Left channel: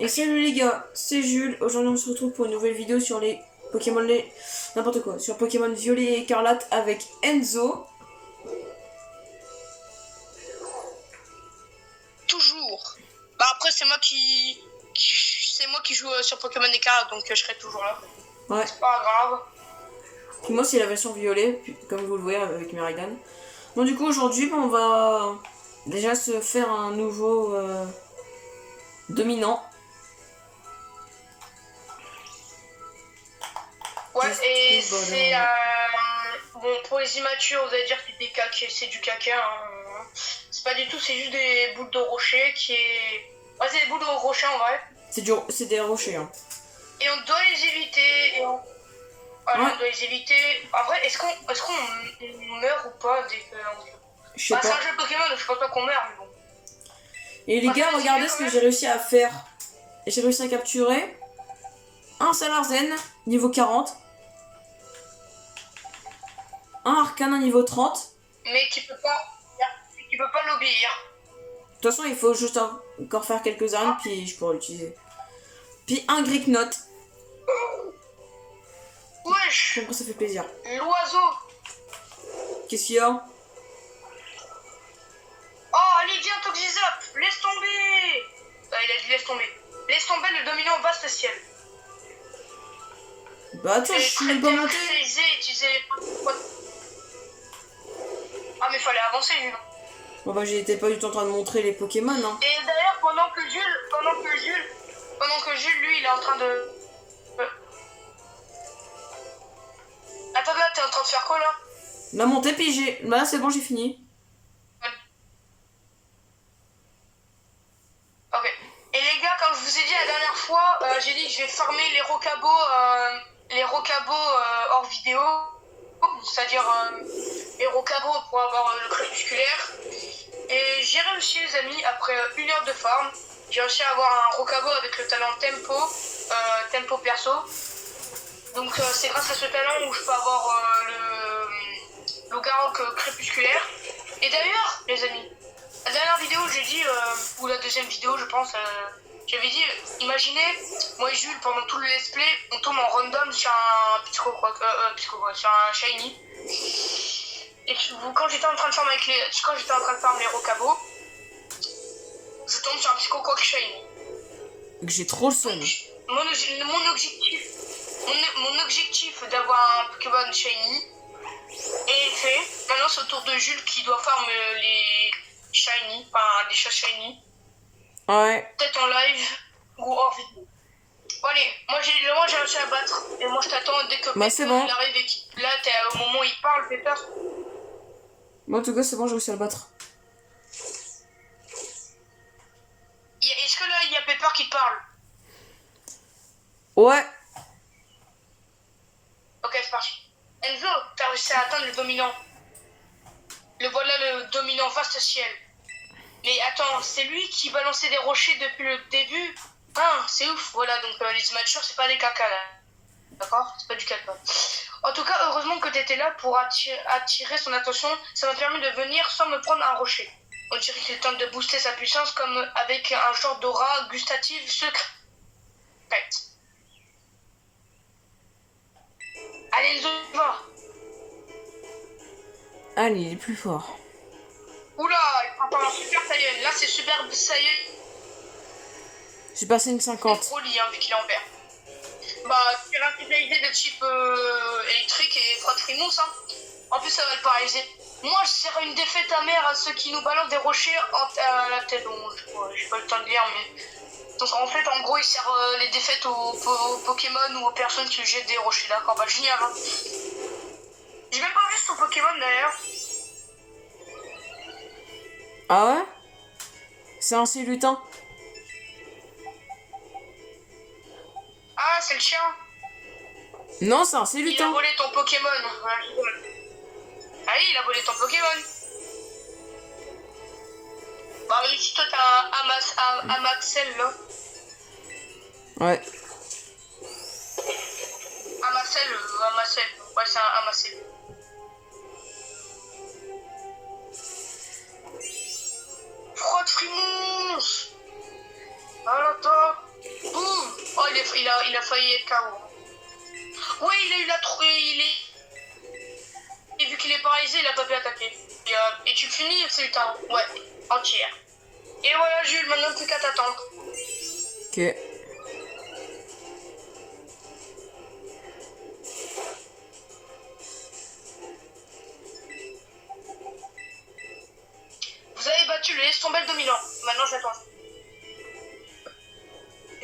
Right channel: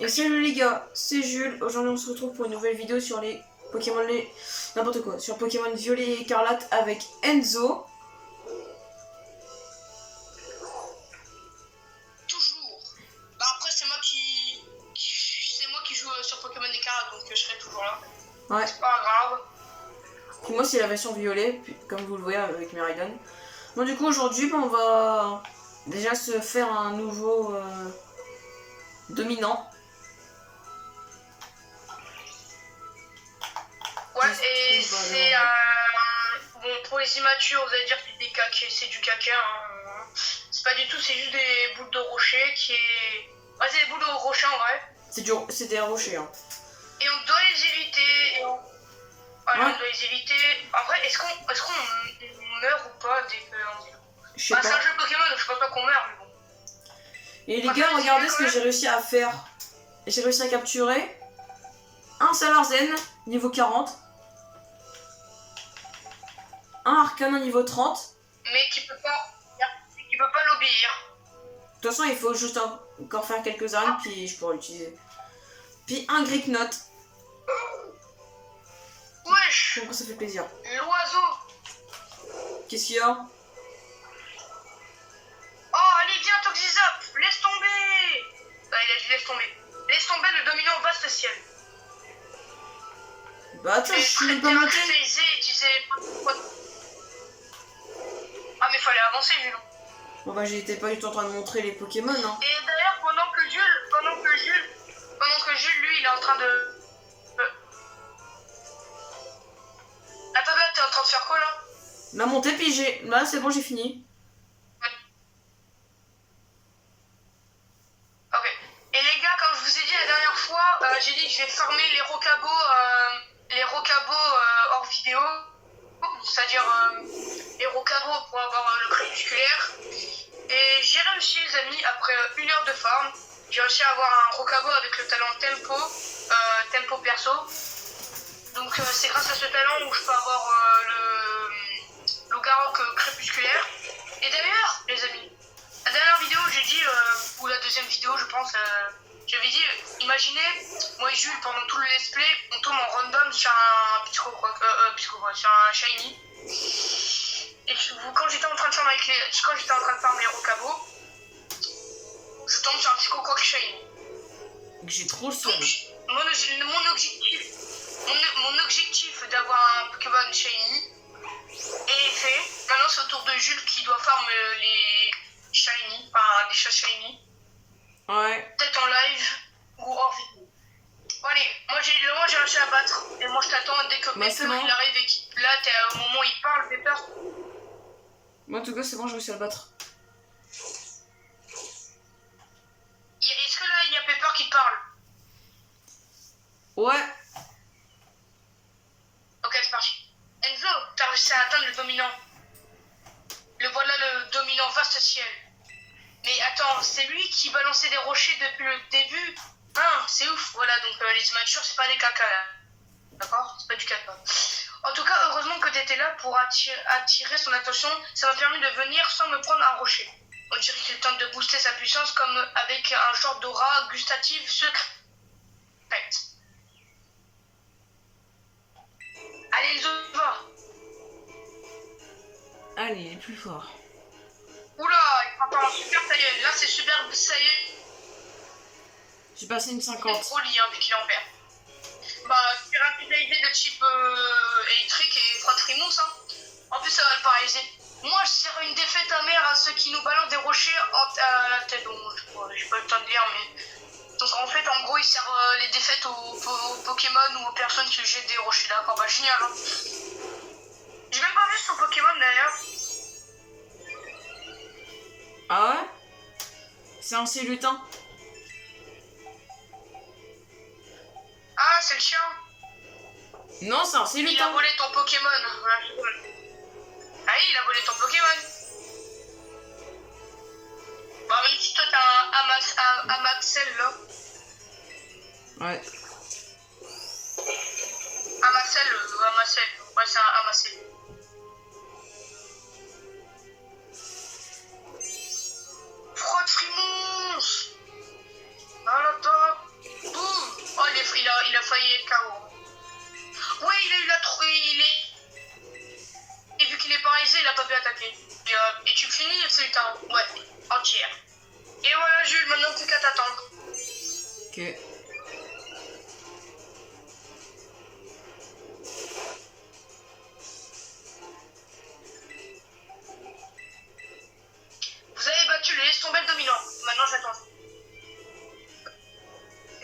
Et salut les gars, c'est Jules. Aujourd'hui on se retrouve pour une nouvelle vidéo sur les Pokémon n'importe quoi, sur Pokémon Violet et Écarlate avec Enzo. Toujours. Bah après c'est moi qui joue sur Pokémon Écarlate, donc je serai toujours là. Ouais. C'est pas grave. Moi c'est la version violet, comme vous le voyez avec Miraidon. Bon du coup aujourd'hui on va déjà se faire un nouveau dominant. Ouais, et c'est bon, pour les immatures vous allez dire que c'est du caca, hein. C'est pas du tout, c'est juste des boules de rocher qui est... Ouais, c'est des boules de rocher en vrai. C'est des rochers hein. Et on doit les éviter, et on... Voilà, ouais. On doit les éviter. En vrai, est-ce qu'on meurt ou pas dès que... Je sais pas. C'est un jeu Pokémon, donc je pense pas qu'on meurt, mais bon. Et les gars, regardez ce que j'ai réussi à faire. Et j'ai réussi à capturer un Salarzen niveau 40, un Arcanin niveau 30. Mais qui peut pas l'obéir. De toute façon, il faut juste encore faire quelques armes, puis je pourrais l'utiliser. Puis un Gricknot. Wesh! Donc ça fait plaisir. L'oiseau! Qu'est-ce qu'il y a? Oh, allez, viens, Toxizap! Laisse tomber! Il a dit laisse tomber. Laisse tomber le dominant vaste ciel. Bah, tu vois, je suis même pas monté. Ah, mais fallait avancer, Jules. Bon, bah, j'étais pas du tout en train de montrer les Pokémon, hein. Et d'ailleurs, pendant que Jules, lui, il est en train de... Attends, t'es en train de faire quoi, là? La montée, puis j'ai... Bah, c'est bon, j'ai fini. Ok. Et les gars, comme je vous ai dit la dernière fois, j'ai dit que je vais farmer les rocabos hors vidéo. C'est-à-dire les rocabos pour avoir le crépusculaire. Et j'ai réussi, les amis, après 1 heure de farm, j'ai réussi à avoir un rocabo avec le talent tempo perso. Donc c'est grâce à ce talent où je peux avoir le Garok crépusculaire. Et d'ailleurs, les amis, la dernière vidéo, j'ai dit, ou la deuxième vidéo, je pense, j'avais dit, imaginez, moi et Jules, pendant tout le let's play, on tombe en random sur un sur un shiny. Et quand j'étais en train de farmer les rocabos, je tombe sur un Psychoquack shiny. J'ai trop le son. Mon objectif d'avoir un Pokémon shiny est fait. Maintenant, c'est au tour de Jules qui doit farm les shiny, enfin les chats shiny. Ouais. Peut-être en live ou hors vidéo. Bon, allez, moi j'ai réussi à battre. Et moi je t'attends dès que Pepper il arrive et là t'es au moment où il parle, Pepper. Moi en tout cas c'est bon, j'ai réussi à le battre. Est-ce que là il y a Pepper qui parle? Ouais. Ok, c'est parti. Enzo, t'as réussi à atteindre le dominant. Voilà le dominant vaste ciel. Mais attends, c'est lui qui balançait des rochers depuis le début. Ah, c'est ouf. Voilà, donc les immatures, c'est pas des caca là. D'accord? C'est pas du caca. En tout cas, heureusement que t'étais là pour attirer son attention. Ça m'a permis de venir sans me prendre un rocher. On dirait qu'il tente de booster sa puissance comme avec un genre d'aura gustative secrète. Allez, Enzo, va. Allez, il est plus fort. Oula, il prend pas un super saiyan. Là, c'est super saiyan. J'ai passé une 50. C'est trop lié, hein, vu qu'il est en vert. Bah, c'est un spécialisé de type électrique et froid frimousse, hein. En plus, ça va le paralyser. Moi, je serais une défaite amère à ceux qui nous balancent des rochers à la tête. Bon, j'ai pas le temps de lire, mais... Donc, en fait, en gros, il sert les défaites aux Pokémon ou aux personnes qui jettent des rochers, d'accord? Bah, génial, hein. J'ai même pas vu son Pokémon, d'ailleurs. Ah ouais? C'est un lutin. Ah, c'est le chien. Non, c'est un lutin. Il a volé ton Pokémon. Voilà, je rigole. Ah oui, il a volé ton Pokémon. Bah, même si toi t'as un Amaxel là. Ouais. Amacel. Ouais, c'est un Amacel. Frotte frimousse. À l'attaque. il a failli être KO. Ouais, il a eu la et vu qu'il est paralysé, il a pas pu attaquer. Et tu finis, c'est un. Ouais, entière. Et voilà, Jules, maintenant plus qu'à t'attendre. Ok. Vous avez battu le laisse tomber le dominant. Maintenant, j'attends.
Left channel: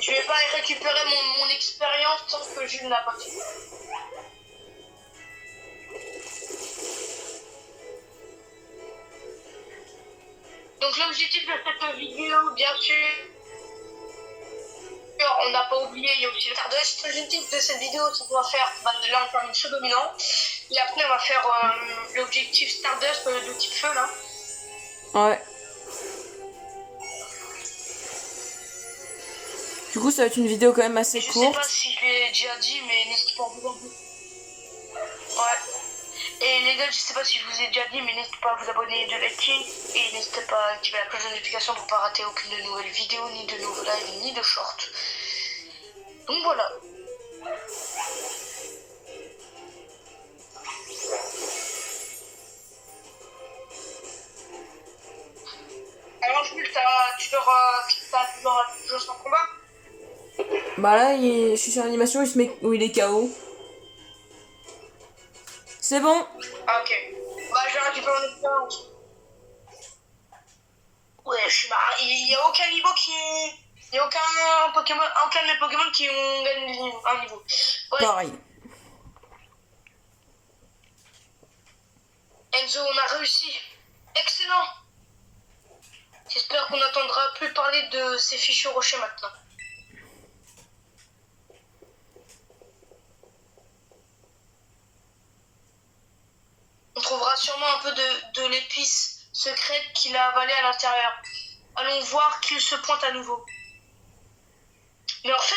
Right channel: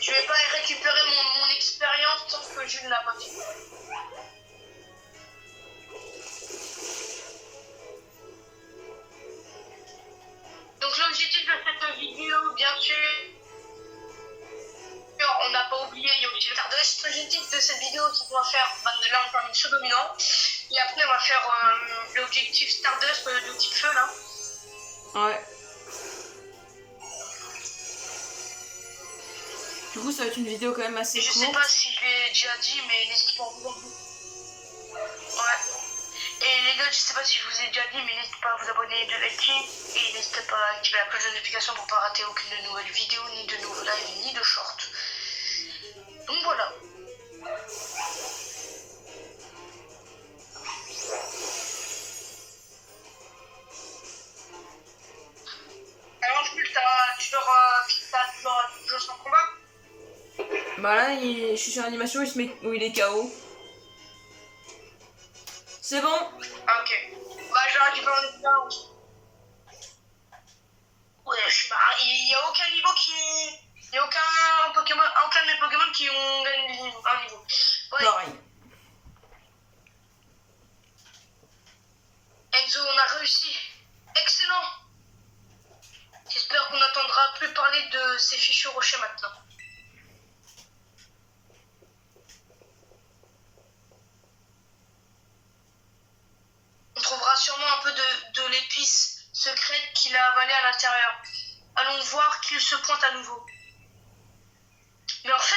Je vais pas récupérer mon expérience tant que Jules n'a battu. Donc l'objectif de cette vidéo, bien sûr, on n'a pas oublié, il y a aussi le Stardust. L'objectif de cette vidéo, c'est qu'on va faire, là on termine ce dominant, et après on va faire l'objectif Stardust de type feu là. Ouais. Du coup, ça va être une vidéo quand même assez Je courte. sais pas si je l'ai déjà dit, mais n'hésitez pas à vous abonner. Ouais. Et les gars, je sais pas si je vous ai déjà dit, mais n'hésitez pas à vous abonner de liker et n'hésitez pas à activer la cloche de notification pour pas rater aucune nouvelle vidéo, ni de nouveaux lives, ni de shorts. Donc voilà. Alors Jules, t'as toujours son combat? Bah là, je suis sur l'animation où il est KO. C'est bon. Ah ok. Bah je vais récupérer mon expérience. Ouais, je suis marre. Il y a aucun niveau qui... Il n'y a aucun de mes Pokémon qui ont gagné un niveau. Ouais. Pareil. Enzo, on a réussi. Excellent. J'espère qu'on n'entendra plus parler de ces fichus rochers maintenant. On trouvera sûrement un peu de l'épice secrète qu'il a avalée à l'intérieur. Allons voir qu'il se pointe à nouveau. Mais en fait,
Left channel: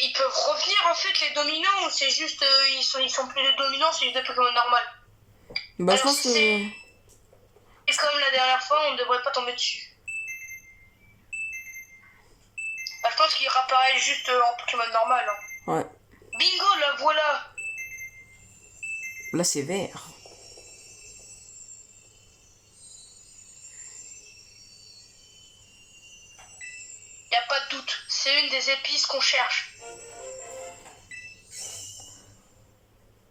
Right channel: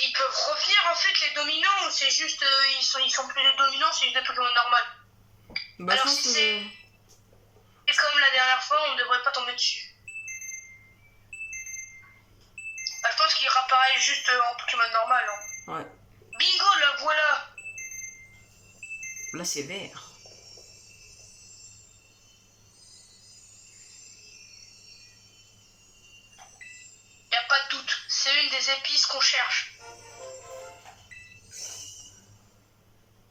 ils peuvent revenir, en fait, les dominants. C'est juste, ils sont plus des dominants, c'est juste des Pokémon normales. Bah, alors je pense si c'est comme la dernière fois, on ne devrait pas tomber dessus. Bah, je pense qu'il réapparaît juste en Pokémon normal. Hein. Ouais. Bingo, la voilà. Là, c'est vert. Y a pas de doute, c'est une des épices qu'on cherche.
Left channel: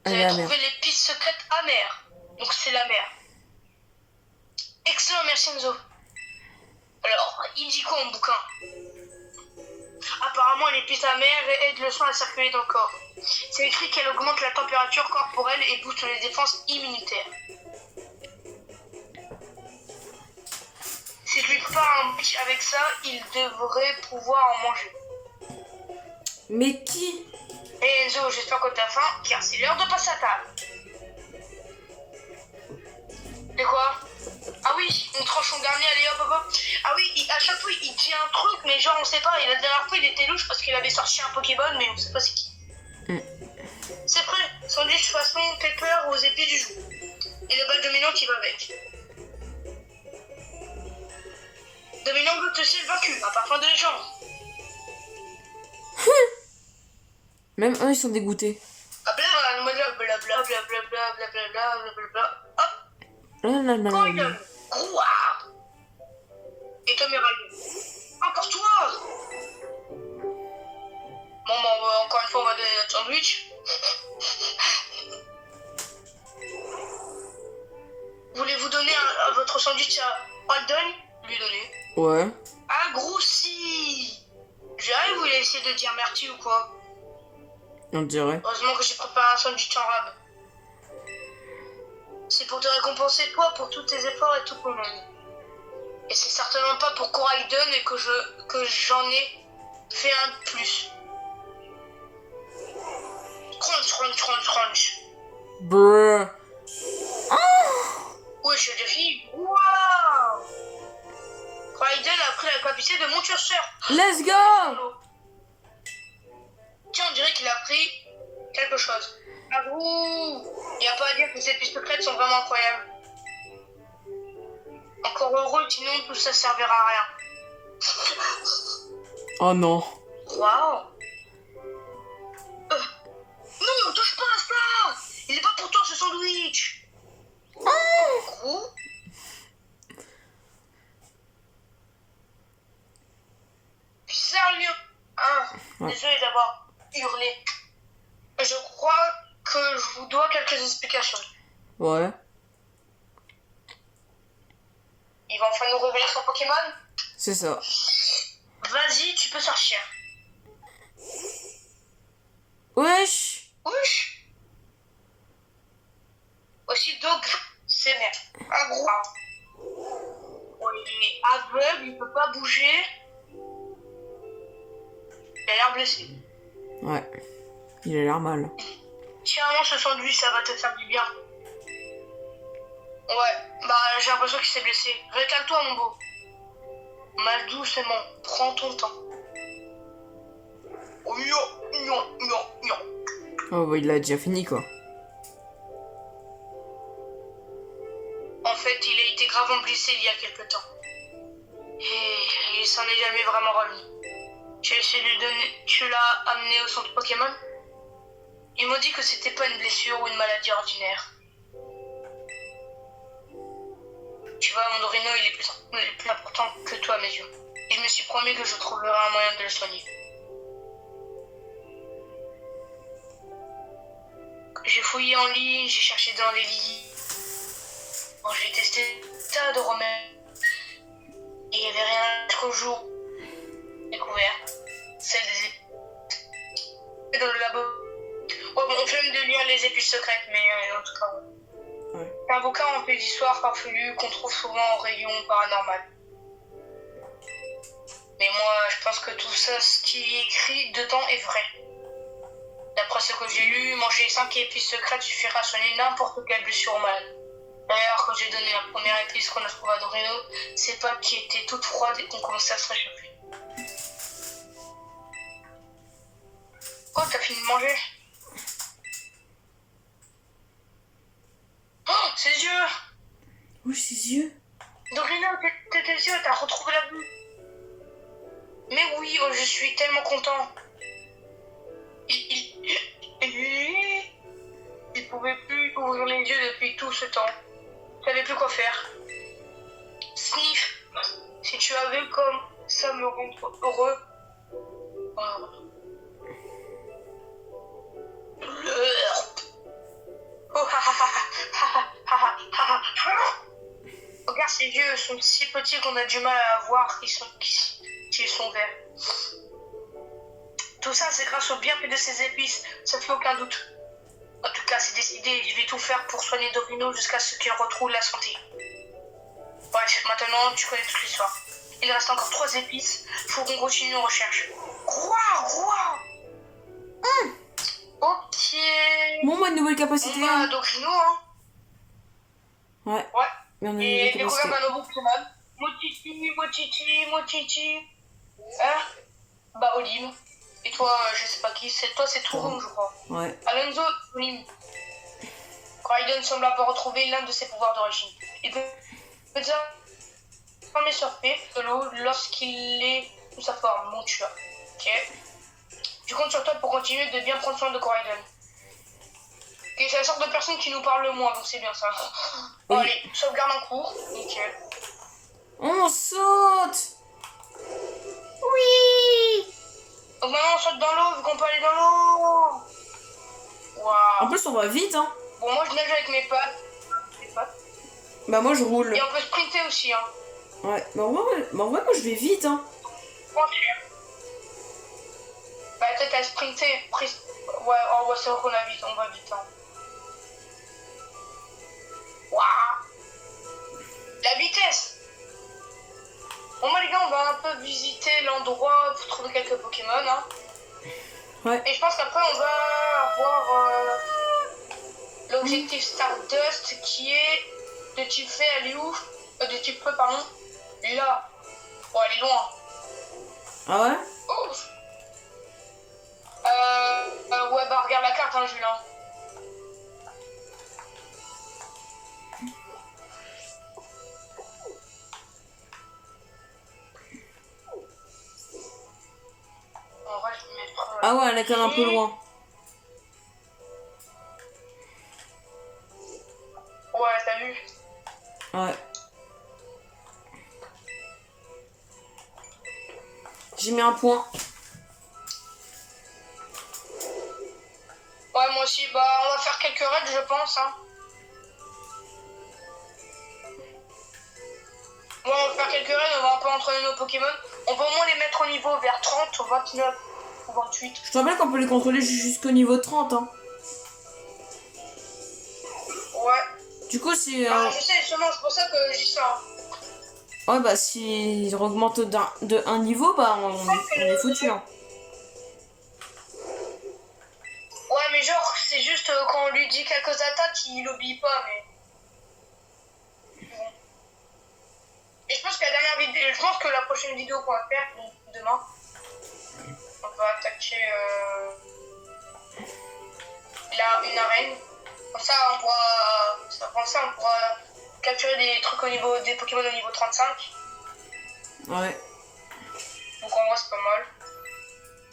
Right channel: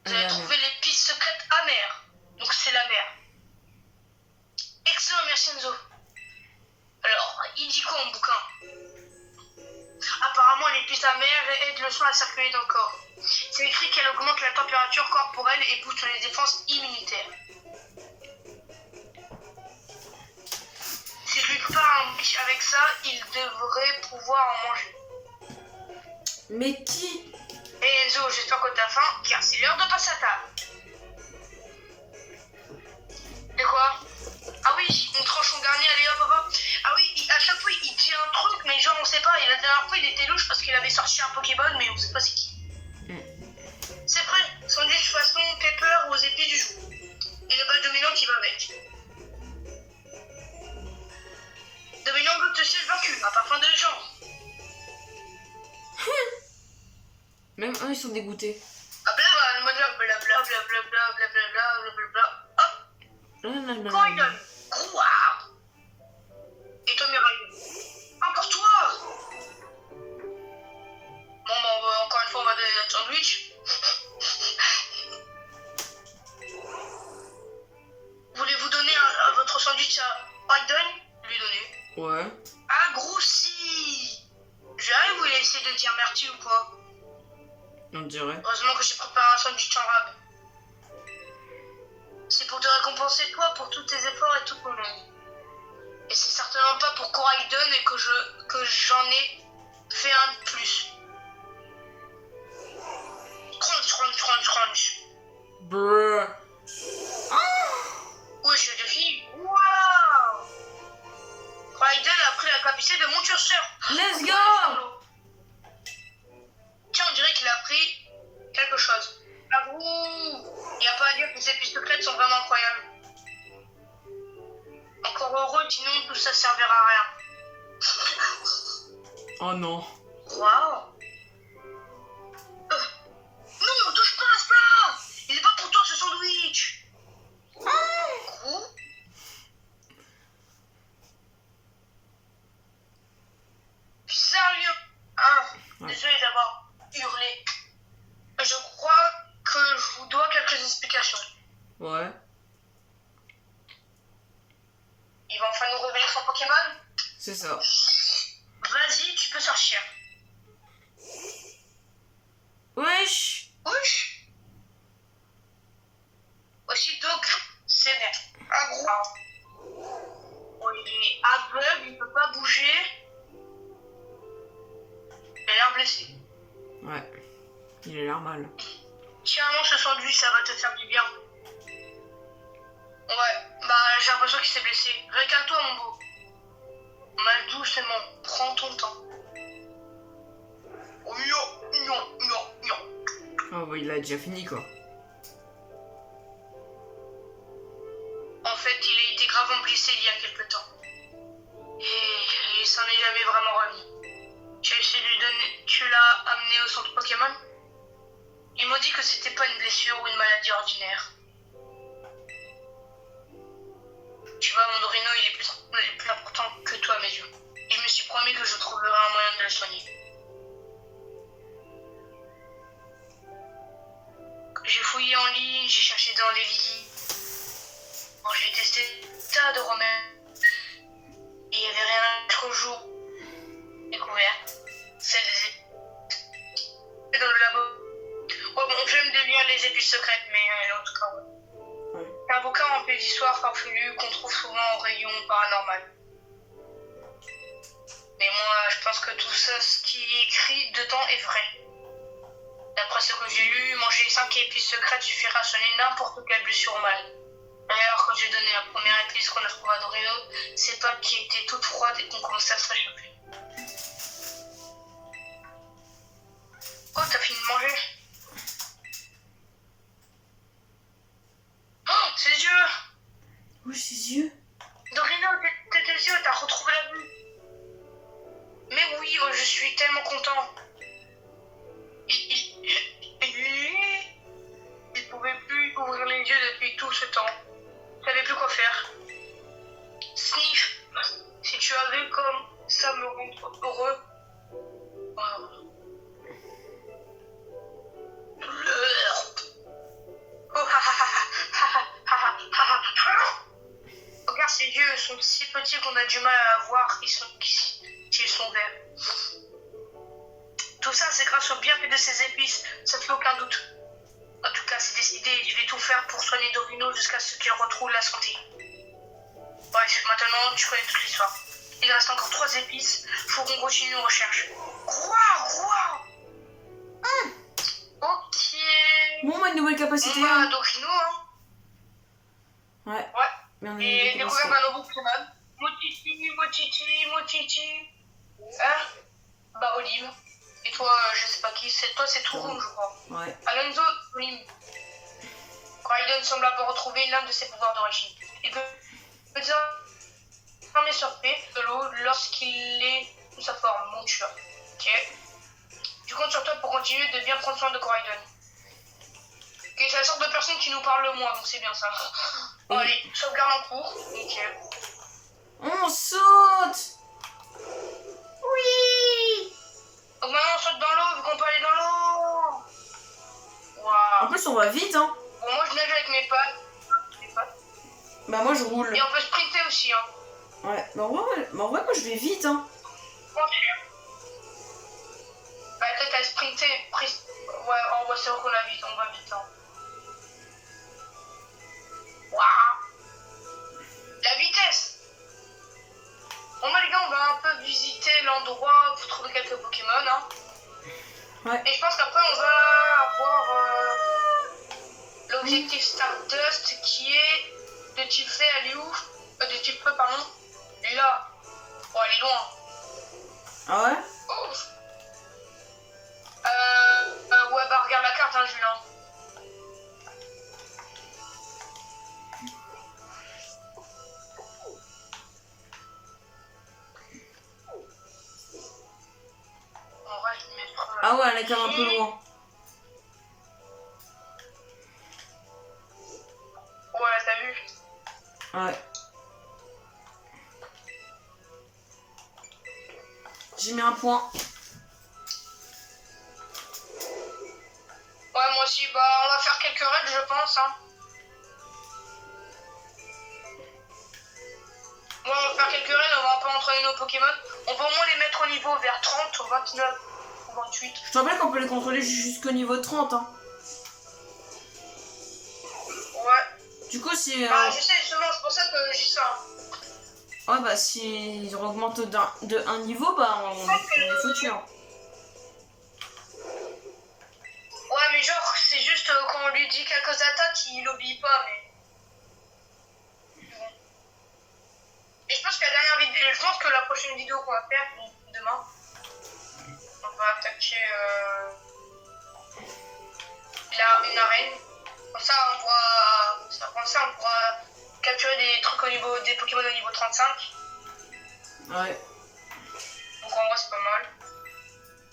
Vous avez trouvé l'épice secrète amère. Donc c'est la mer. Excellent, merci Enzo. Alors, il dit quoi en bouquin? Apparemment, l'épice amère aide le sang à circuler dans le corps. C'est écrit qu'elle augmente la température corporelle et booste les défenses immunitaires. Si je lui prépare un biche avec ça, il devrait pouvoir en manger. Mais qui? Et Enzo, j'espère que t'as faim, car c'est l'heure de passer à table. De quoi? Ah oui, on tranche en dernier, allez hop hop hop. Ah oui, à chaque fois il dit un truc, mais genre on sait pas. Et la dernière fois il était louche parce qu'il avait sorti un Pokéball, mais on sait pas c'est qui. C'est prêt, sandwich façon pepper aux épis du jour. Et le badge dominant qui va avec. Dominant goûte ciel vaincu, un parfum de légende. Même eux, ils sont dégoûtés. Ah bla le mode là, bla bla bla bla bla bla bla bla bla bla bla. Hop. Coydon, Grouard. Et Tommy Ryan. Encore toi. Bon, encore une fois, on va donner notre sandwich. Voulez-vous donner votre sandwich à Coydon? Lui donner. Ouais. Ah, Groussi. J'arrive, vous voulez essayer de dire merci ou quoi? On dirait. Heureusement que j'ai préparé un sandwich en rab. C'est pour te récompenser toi pour tous tes efforts et toute ton aide. Et c'est certainement pas pour Coraidon et que j'en ai fait un de plus. Crunch, crunch, crunch, crunch. Brrr. Ouais, je suis de fille. Waouh! Coraidon a pris la capacité de mon curseur. Let's go! Tiens, on dirait qu'il a pris quelque chose. Ah ouh! Il n'y a pas à dire que ces épices secrètes sont vraiment incroyables. Encore heureux, sinon tout ça servira à rien. Oh non. Waouh. Non, touche pas à ça. Il est pas pour toi ce sandwich. Gros. Sérieux. Ouais. Désolé d'avoir hurlé. Je crois que je vous dois quelques explications. Ouais. Il va enfin nous révéler son Pokémon. C'est ça. Vas-y, tu peux sortir. Wesh. Wesh. Aussi Dog, c'est net. Un gros. Oh, il est aveugle, il peut pas bouger. Il a l'air blessé. Ouais. Il a l'air mal. Tiens, mange ce sandwich, ça va te faire du bien. Ouais, bah j'ai l'impression qu'il s'est blessé. Recale-toi, mon beau. Mal doucement, prends ton temps. Oh, non. Oh, bah, il a déjà fini, quoi. En fait, il a été gravement blessé il y a quelque temps. Et il s'en est jamais vraiment remis. Tu as essayé de lui donner... Tu l'as amené au centre Pokémon? Ils m'ont dit que c'était pas une blessure ou une maladie ordinaire. Tu vois, mon Dorino, il est plus important que toi à mes yeux. Et je me suis promis que je trouverais un moyen de le soigner. J'ai fouillé en ligne, j'ai cherché dans les lits. Bon, j'ai testé des tas de remèdes. Et il n'y avait rien jusqu'au jour découvert. C'est des dans le labo. Ouais, bon, on fait même de lire les épices secrètes, mais en tout cas, ouais. C'est un bouquin rempli d'histoires farfelues qu'on trouve souvent en rayon paranormal. Mais moi, je pense que tout ça, ce qui est écrit dedans est vrai. D'après ce que j'ai lu, manger 5 épices secrètes suffira à soigner n'importe quelle blessure au mal. D'ailleurs, quand j'ai donné la première épice qu'on a trouvée à Dorino, ses pattes qui étaient toutes froides et qu'on commençait à se réchauffer. Oh, t'as fini de manger? Oh, ses yeux! Oui, ses yeux. Dorino, tes yeux, t'as retrouvé la vue. Mais oui, oh, je suis tellement content. Il pouvait plus ouvrir les yeux depuis tout ce temps. Il savait plus quoi faire. Sniff, si tu avais comme ça me rendre heureux. Regarde, ses yeux sont si petits qu'on a du mal à voir qu'ils sont verts. Tout ça, c'est grâce au bienfait de ces épices, ça ne fait aucun doute. En tout cas, c'est décidé, je vais tout faire pour soigner Dorino jusqu'à ce qu'il retrouve la santé. Bref, maintenant, tu connais toute l'histoire. Il reste encore 3 épices, faut qu'on continue nos recherches. Ok. Bon, bah, une nouvelle capacité. On a Dorino, hein. Ouais. Ouais. Mais on a une Et nouvelle les capacité. Pokémon Pokémon. Mochichi. Hein? Bah, Olive. Et toi, je sais pas qui, toi c'est Touroum, je crois. Ouais. Alonso, Olive. Raiden semble avoir retrouvé l'un de ses pouvoirs d'origine. Il peut désormais surfer de l'eau lorsqu'il est sous sa forme, mon tueur. Ok. Je compte sur toi pour continuer de bien prendre soin de Raiden. Ok, c'est la sorte de personne qui nous parle le moins, donc c'est bien ça. Bon, Oui. allez, sauvegarde en cours. Nickel. On saute. Oui. Donc maintenant on saute dans l'eau, vu qu'on peut aller dans l'eau. En Waouh. plus, on va vite, hein. Bon, moi je nage avec mes pattes. Bah, moi, je roule. Et on peut sprinter aussi, hein. Ouais. Bah, en vrai, moi, je vais vite, hein. Bah, peut-être à sprinter. Ouais, c'est vrai qu'on a vite, on va vite, hein. Waouh. La vitesse. Bon, bah, les gars, on va un peu visiter l'endroit pour trouver quelques Pokémon, hein. Ouais. Et je pense qu'après, on va avoir l'objectif Stardust qui est de type feu, elle est où? De type feu, pardon. Là. Bon, elle est loin. Ah ouais? Ouf. Ouais, bah, regarde la carte, hein, Julien. Ah ouais, elle est quand même un peu loin. Ouais, t'as vu? Ouais. J'ai mis un point. Ouais, moi aussi. Bah, on va faire quelques raids, je pense. Hein. Ouais, on va faire quelques raids, on va un peu entraîner nos Pokémon. On va au moins les mettre au niveau vers 30, 29 ou 28. Je te rappelle qu'on peut les contrôler jusqu'au niveau 30. Hein. Ouais. Du coup, si... Bah, je sais, justement, c'est pour ça que j'ai ça. Hein. Ouais, bah, s'ils augmentent de un niveau, bah, on est foutu. Hein. Ouais, mais genre, c'est juste quand on lui dit quelques attaques, il obéit pas, mais... Bon. Et je pense que la dernière vidéo, je pense que la prochaine vidéo qu'on va faire, donc demain, on va attaquer là, une arène. Comme ça, on pourra capturer des trucs des Pokémon au niveau 35. Ouais. Donc en vrai, c'est pas mal.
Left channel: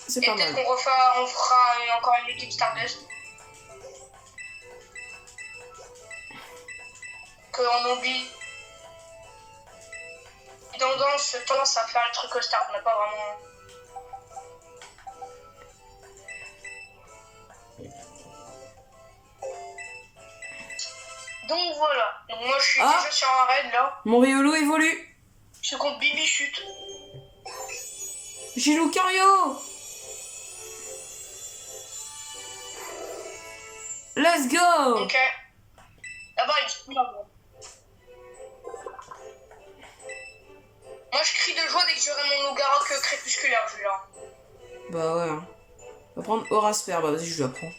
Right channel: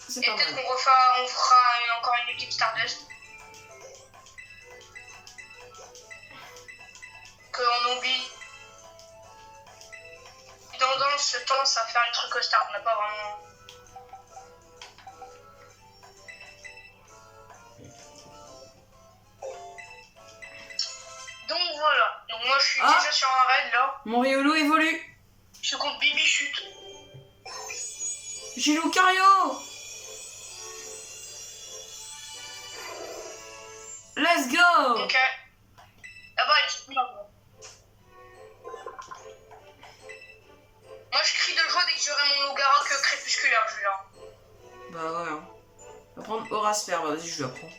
C'est Et pas peut-être mal. qu'on fera encore une équipe Stardust. Qu'on oublie. Tendance à faire les trucs Star. On n'a pas vraiment. Donc voilà. Donc moi je suis déjà sur un raid là. Mon Riolo évolue. Je suis contre Bibichute. J'ai Lucario. Let's go. Ok. Là-bas il est là. Moi je crie de joie dès que j'aurai mon Logarok crépusculaire, Julien. Bah ouais. Hein. On va prendre Aurasphère. Bah vas-y, je la prends.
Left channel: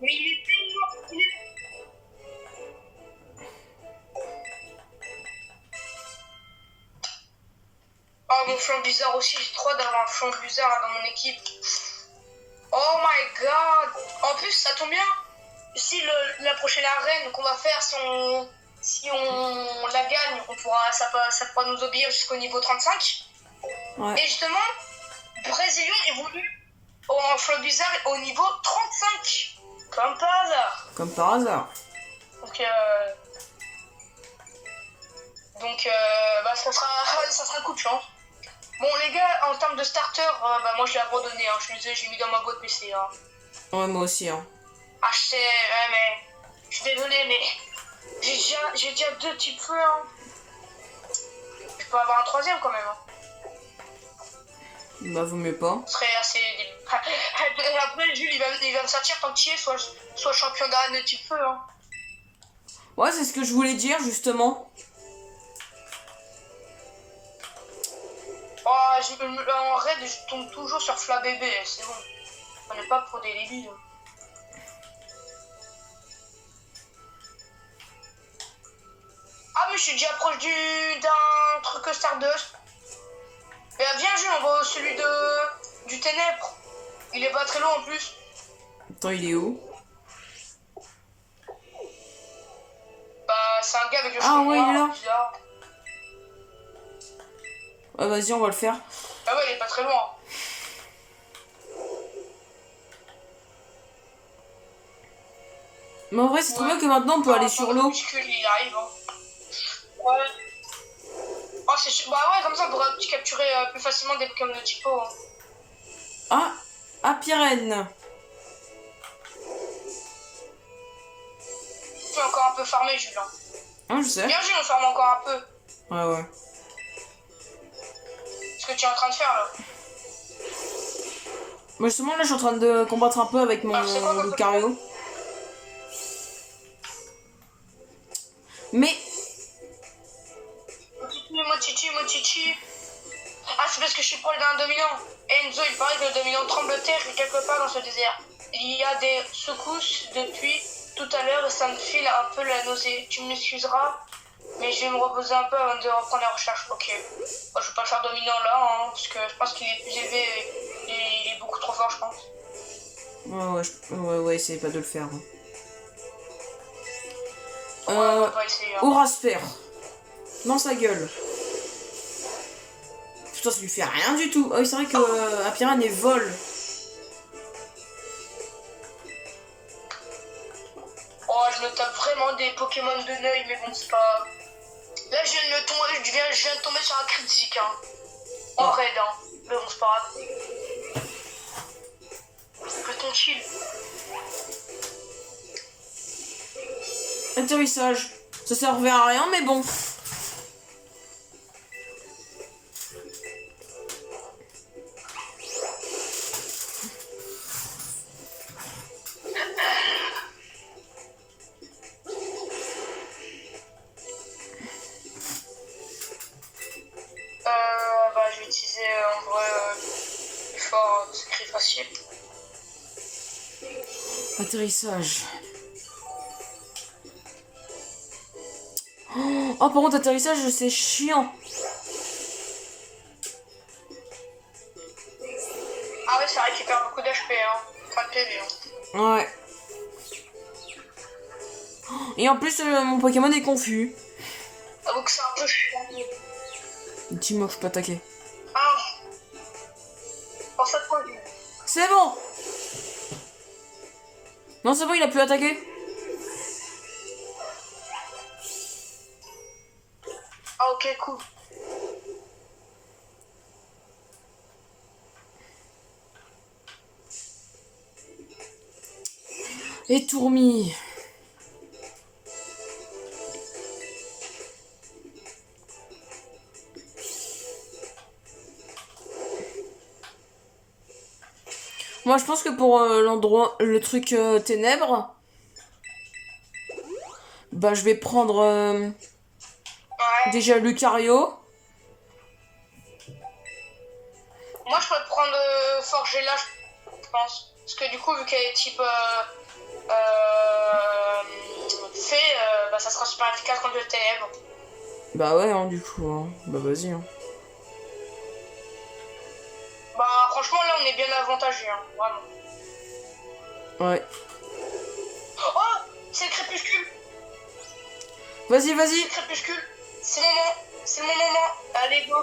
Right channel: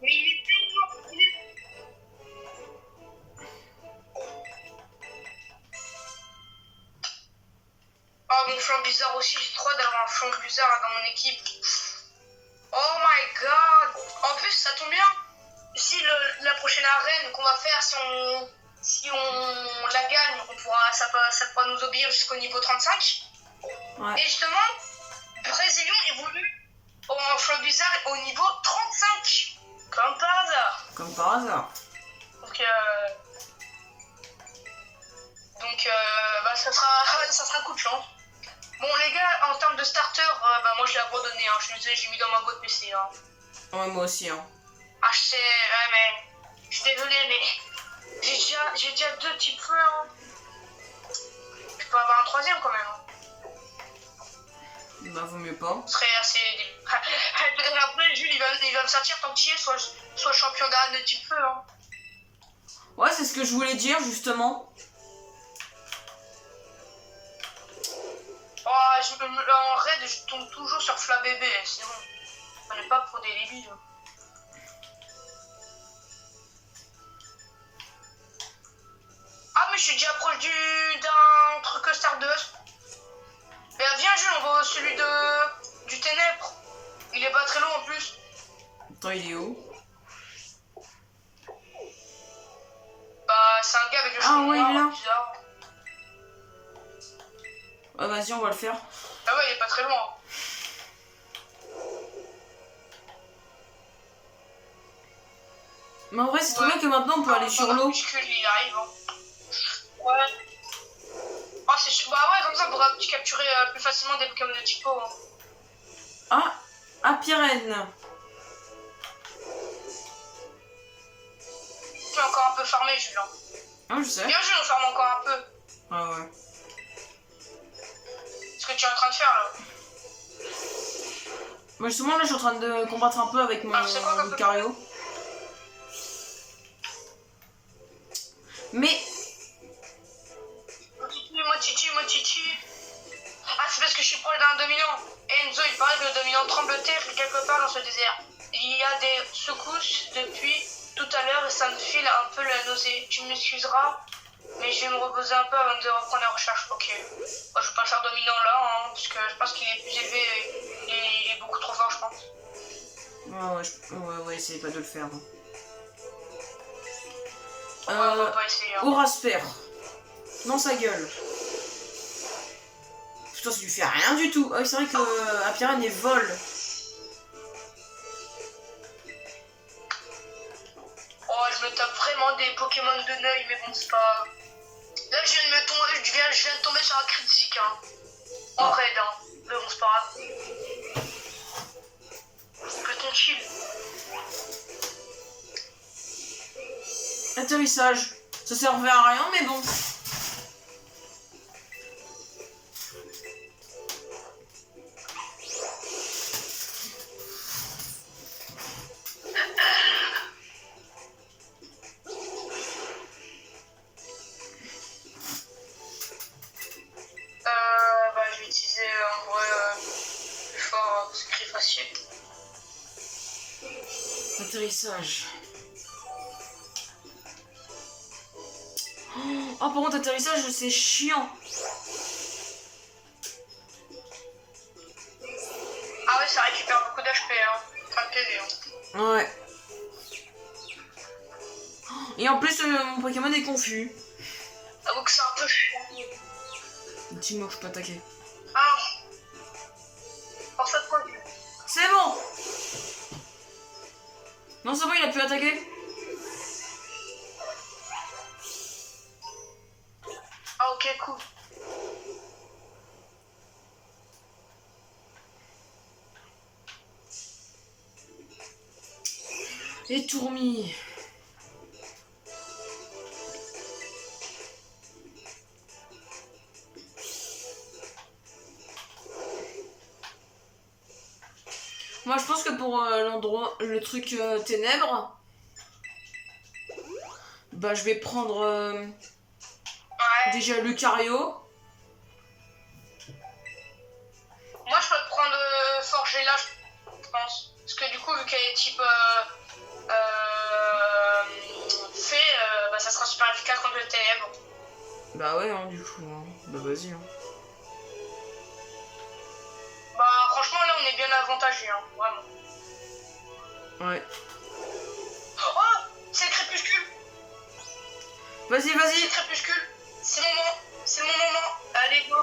Mais il est tellement stylé. Oh mon flanc bizarre aussi, j'ai trop d'avoir un flanc bizarre dans mon équipe. Oh my god. En plus ça tombe bien. Si la prochaine arène qu'on va faire, si on la gagne, ça pourra nous obéir jusqu'au niveau 35. Ouais. Et justement, Brésilien évolue en flanc bizarre au niveau 35. Comme par hasard. Comme par hasard. Donc, bah, ça sera un coup de chance. Bon, les gars, en termes de starter, bah, moi je l'ai abandonné. Hein. Je suis désolé, j'ai mis dans ma boîte PC. Hein. Ouais, moi aussi. Hein. Ah, je sais, mais. Je suis désolé, mais. J'ai déjà 2 petits feux. Hein. Je peux avoir un 3ème quand même. Hein. Bah, vaut mieux pas. Ce serait assez. Après, Jules, il va me sortir tant qu'il est, soit champion d'arène de petits feux. Hein. Ouais, c'est ce que je voulais dire justement. Oh, en raid, je tombe toujours sur Flabébé, c'est bon. On n'est pas pour des débiles. Ah, mais je suis déjà proche d'un truc Stardust. Mais viens, Jules, on va celui du Ténèbre. Il est pas très loin en plus. Attends, il est où? Bah, c'est un gars avec le Ah, cheveu ouais, noir, il est là. bizarre. Ah, vas-y, on va le faire. Ah ouais, il est pas très loin. Mais en vrai, c'est trop bien que maintenant on peut aller sur l'eau. Il arrive, hein. Ouais. Oh, bah ouais, comme ça on pourrait capturer plus facilement des Pokémon de typo. Hein. Ah, Apirène. Tu peux encore un peu farmer, Julien. Ah, je sais. Bien Jules, on farme encore un peu. Ah ouais. Ce que tu es en train de faire là. Moi justement là je suis en train de combattre un peu avec mon Lucario. Mais... Mochichi. Ah, c'est parce que je suis proche d'un dominant. Enzo, il paraît que le dominant tremble terre quelque part dans ce désert. Il y a des secousses depuis tout à l'heure et ça me file un peu la nausée. Tu m'excuseras, mais je vais me reposer un peu avant de reprendre la recherche. Ok. Moi, je vais pas le faire dominant là, hein, parce que je pense qu'il est plus élevé et il est beaucoup trop fort, je pense. Ouais, essayez pas de le faire. Hein. On va pas essayer. Hein. Aurasphère. Dans sa gueule. Putain, ça lui fait rien du tout. Ah oui, c'est vrai que Apirène est vol. des Pokémon de Neuil, mais bon, c'est pas... Là, je viens de tomber sur un critique, hein. En raid, hein. Mais bon, c'est pas grave. Peut-on chill? Atterrissage. Ça servait à rien, mais bon. Je vais utiliser en vrai le fort secret facile. Atterrissage. Oh, par contre, atterrissage, c'est chiant. Ah ouais, ça récupère beaucoup d'HP, hein. Enfin de PV, hein. Ouais. Et en plus, mon Pokémon est confus. Avoue que c'est un peu chiant. Dis-moi que je peux attaquer. Ah. Pour cette fois, C'est bon. Non, c'est bon, il a pu attaquer. ah ok, cool. Et Tourmi. Moi, je pense que pour l'endroit, le truc ténèbres, bah, je vais prendre Ouais. déjà Lucario. Moi, je peux prendre Forgella, je pense. Parce que du coup, vu qu'elle est type fée, bah, ça sera super efficace contre le ténèbres. Bah ouais, hein, du coup. Hein. Bah vas-y. Hein. Bah, franchement, là, on est bien avantagé, hein, vraiment. Ouais. Oh, c'est Crépuscule. Vas-y, vas-y. C'est Crépuscule. C'est le moment. C'est le moment. Allez, go.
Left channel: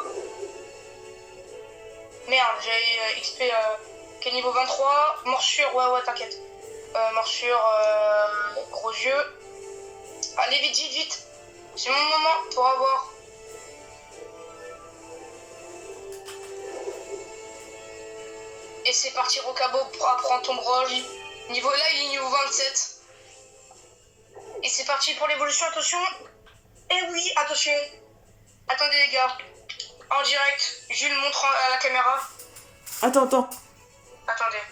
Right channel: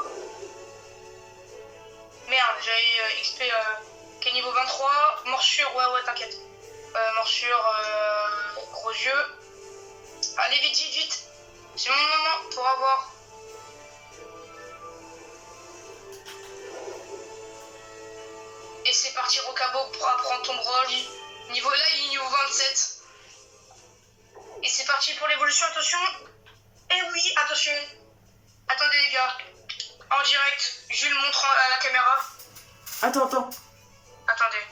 Merde, j'ai XP qui est niveau 23. Morsure, ouais, t'inquiète. Morsure, gros yeux. Allez, vite. C'est mon moment pour avoir. Et c'est parti, Rocabo, pour apprendre ton broche. Niveau là, il est niveau 27. Et c'est parti pour l'évolution, attention. Et oui, attention. Attendez, les gars. En direct, Jules montre à la caméra. Attends. Attendez.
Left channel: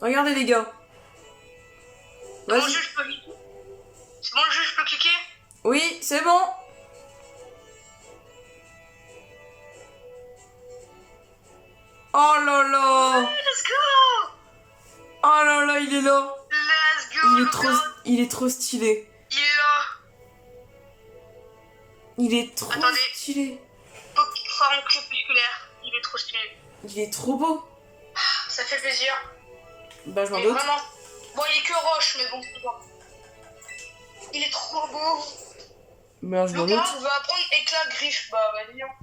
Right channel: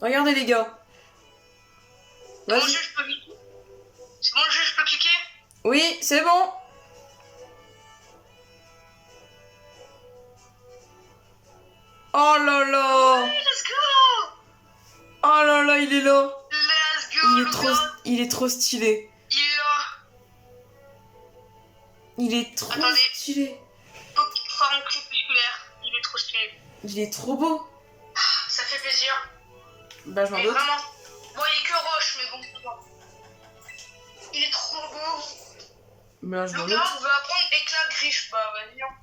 Regardez, les gars. Bon, Vas-y. Jules, je peux cliquer. C'est bon, le jeu, je peux cliquer. Oui, c'est bon. Oh là là. Ouais, let's go. Oh là là, il est là. Let's go, Il est trop stylé. Il est là. Il est trop Attendez. stylé. Forme crépusculaire. Il est trop stylé. Il est trop beau. Ça fait plaisir. Bah je m'en Mais doute. vraiment. Bon, il est que roche, mais bon, c'est bon. Il est trop beau. Bah je m'en doute. Lucas, on va apprendre éclat griffe. Bah, vas-y. Hein.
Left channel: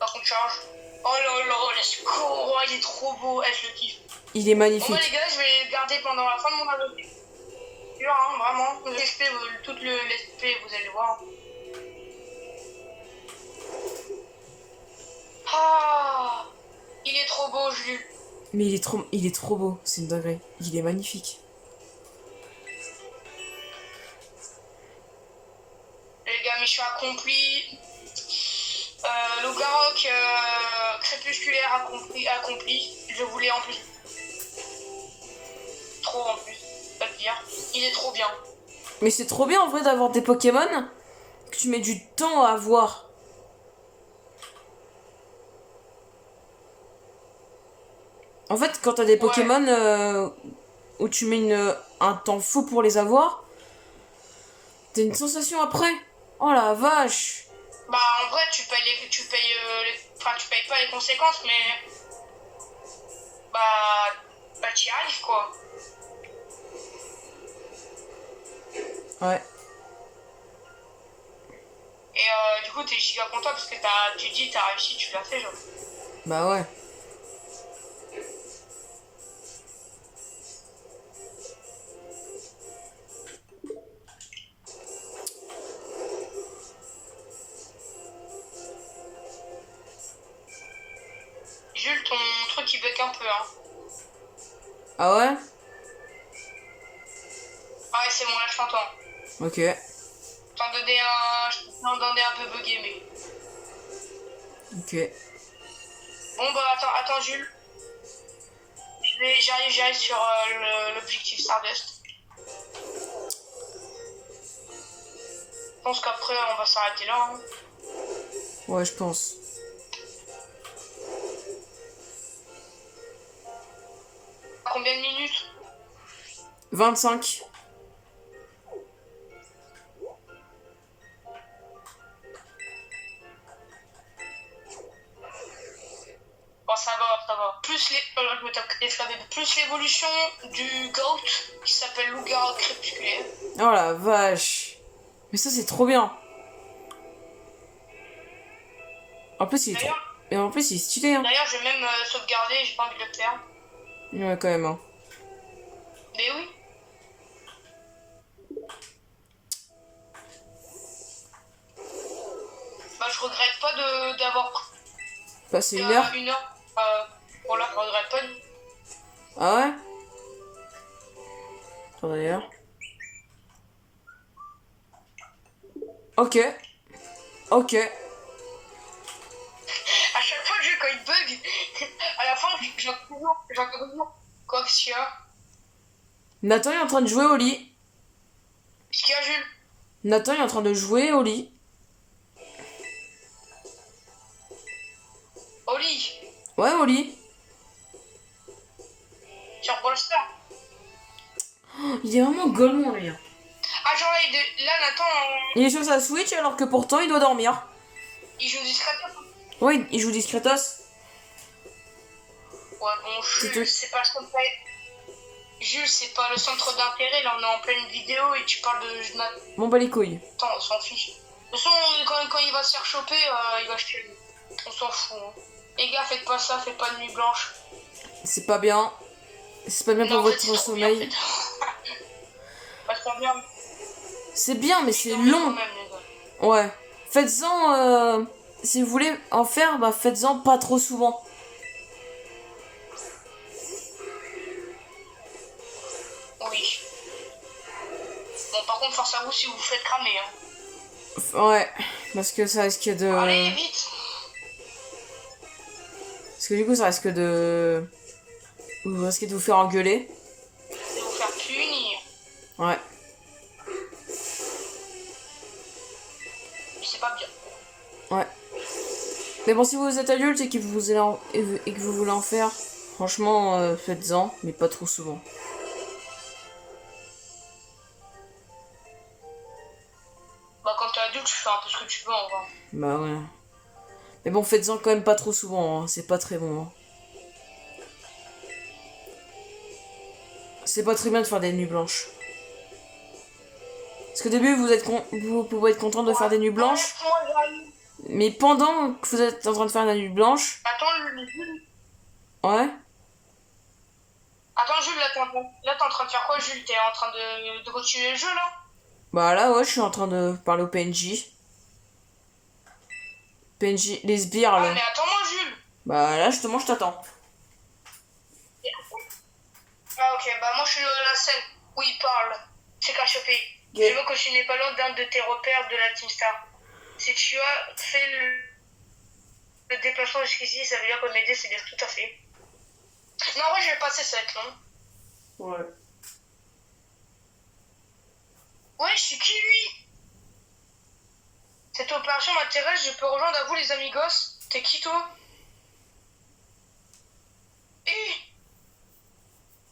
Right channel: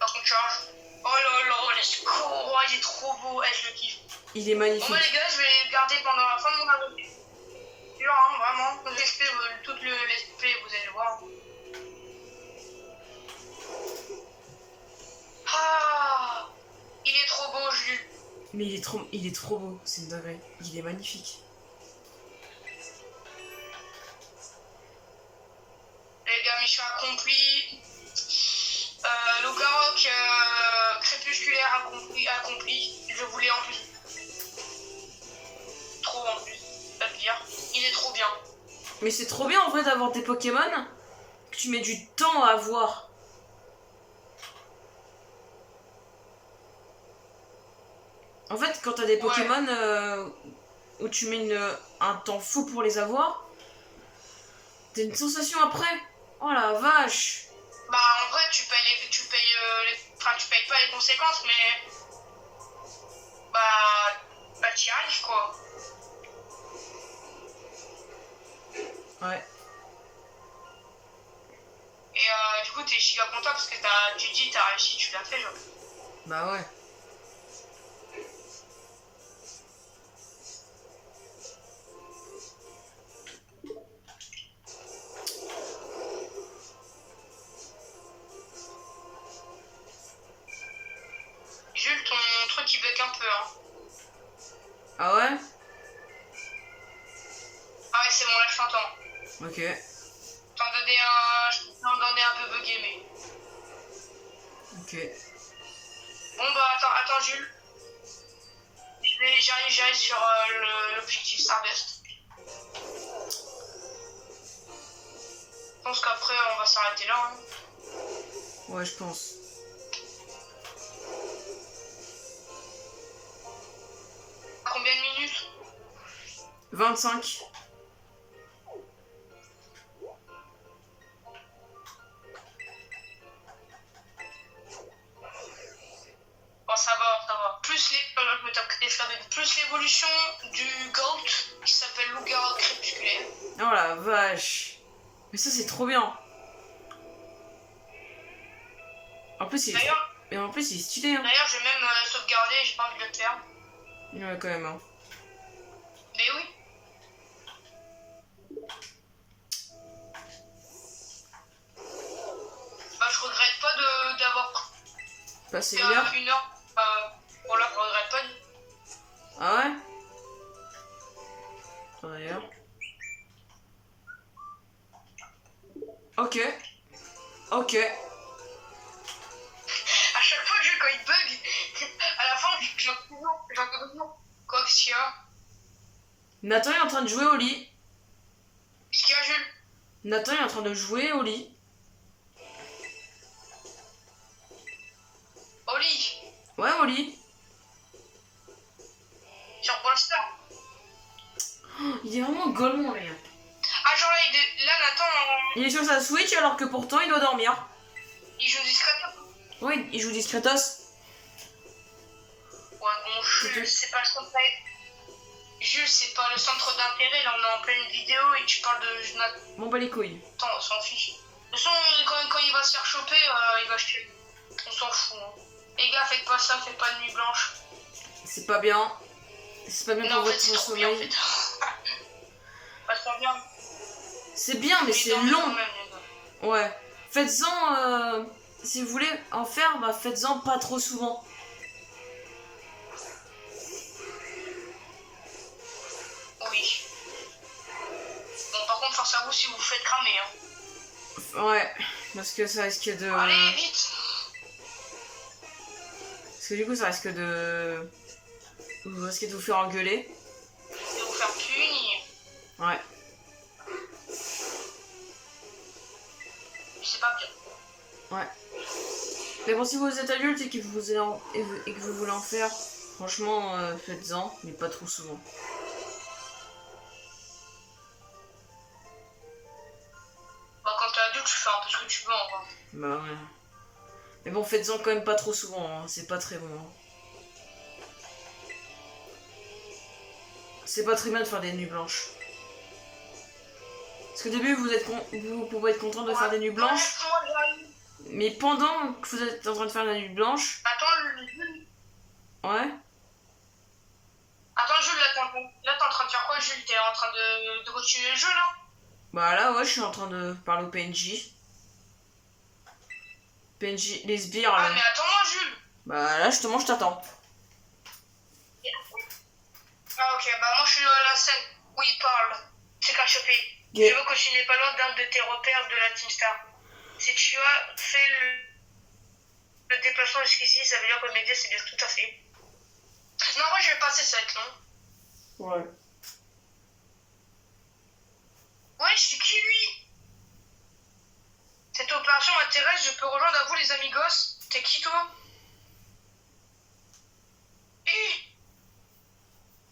Par contre, charge. Oh là là, let's go. Oh, il est trop beau. Je le kiffe. Il est Bon, magnifique. moi, les gars, je vais le garder pendant la fin de mon aventure. Sûr, hein, vraiment. Tout l'XP, vous allez le voir. Ah, il est trop beau, Jules. Mais il est trop beau. C'est une dinguerie. Il est magnifique. Les gars, mission accomplie. Logarok crépusculaire accompli. Je voulais en plus. Trop en plus. Pas le dire. Il est trop bien. Mais c'est trop bien en vrai d'avoir des Pokémon que tu mets du temps à avoir. En fait, quand t'as des Pokémon où tu mets un temps fou pour les avoir, t'as une sensation après. Oh la vache. Bah en vrai tu payes pas les conséquences mais bah t'y arrives quoi. Ouais. Et du coup t'es giga content parce que tu dis t'as réussi, tu l'as fait genre. Bah ouais. Ah ouais? Ah ouais, c'est bon, là je t'entends. Ok. Je t'entendais un peu bugué, mais... Ok. Bon bah attends Jules. J'arrive sur l'objectif Stardust. Je pense qu'après on va s'arrêter là. Hein. Ouais, je pense. Combien de minutes? 25. Bon, ça va. Plus je me tape les flammes. Plus l'évolution du Goat qui s'appelle loup-garou crépusculaire. Oh la vache. Mais ça, c'est trop bien. En plus, il est trop... Et en plus, il est stylé, hein. D'ailleurs, je vais même sauvegarder, j'ai pas envie de le faire. Ouais, quand même, hein. Mais oui. Bah, je regrette pas d'avoir Passer une heure. une heure. Voilà, je regrette pas. Ah ouais? Attends, d'ailleurs. Ok. Ok. À chaque fois que quand il bug, à la fin, j'entends toujours. Quoi que s'il y a? Nathan est en train de jouer au lit. Qu'est-ce qu'il y a, Jules? Nathan est en train de jouer au lit. Au lit. Ouais, au lit. Sur Brawl Stars. Oh, il est vraiment golemon, lui. Ah, genre là, Nathan, Il est sur sa Switch alors que pourtant il doit dormir. il joue discrètement. Oui, il joue Discretos. Ouais, bon, Jules, c'est pas le centre. Jules, c'est pas le centre d'intérêt. Là, on est en pleine vidéo et tu parles de Nathan. Bon, bah les couilles. Attends, on s'en fiche. De toute façon, quand il va se faire choper, il va se tuer. On s'en fout. Hein. Les gars, faites pas ça, faites pas de nuit blanche. C'est pas bien. C'est pas bien pour votre sommeil. Bien, en fait. Pas trop bien. C'est bien, mais c'est long. Même, ouais. Faites-en. Si vous voulez en faire, bah faites-en pas trop souvent. Oui. Bon, par contre, force à vous si vous vous faites cramer. Hein. Ouais. Parce que ça risque de. Allez, vite. Parce que du coup, ça risque de. Vous risquez de vous faire engueuler. De vous faire punir. Ouais. C'est pas bien. Ouais. Mais bon, si vous êtes adulte et que vous voulez en faire, franchement, faites-en, mais pas trop souvent. Bah, quand t'es adulte, tu fais un peu ce que tu veux, en vrai. Bah ouais. Mais bon, faites-en quand même pas trop souvent, hein. C'est pas très bon. Hein. C'est pas très bien de faire des nuits blanches. Parce qu'au début, vous pouvez être content de faire des nuits blanches. Mais pendant que vous êtes en train de faire la nuit blanche... Attends, Jules. Ouais. Attends, Jules, là, t'es en train de faire quoi, Jules? T'es en train de continuer le jeu, là? Bah là, ouais, je suis en train de parler au PNJ. PNJ, les sbires, là. Ah, mais attends-moi, Jules. Bah là, justement, je t'attends. Ah, ok, bah moi, je suis à la scène où il parle. C'est caché. Okay. Je veux que tu n'es pas loin d'un de tes repères de la Team Star. Si tu as fait le déplacement jusqu'ici, ça veut dire que m'aider, c'est bien tout à fait. Non, moi, je vais passer, ça va être long. Ouais. Ouais, c'est qui, lui? Cette opération m'intéresse, je peux rejoindre à vous, les amigos. T'es qui, toi?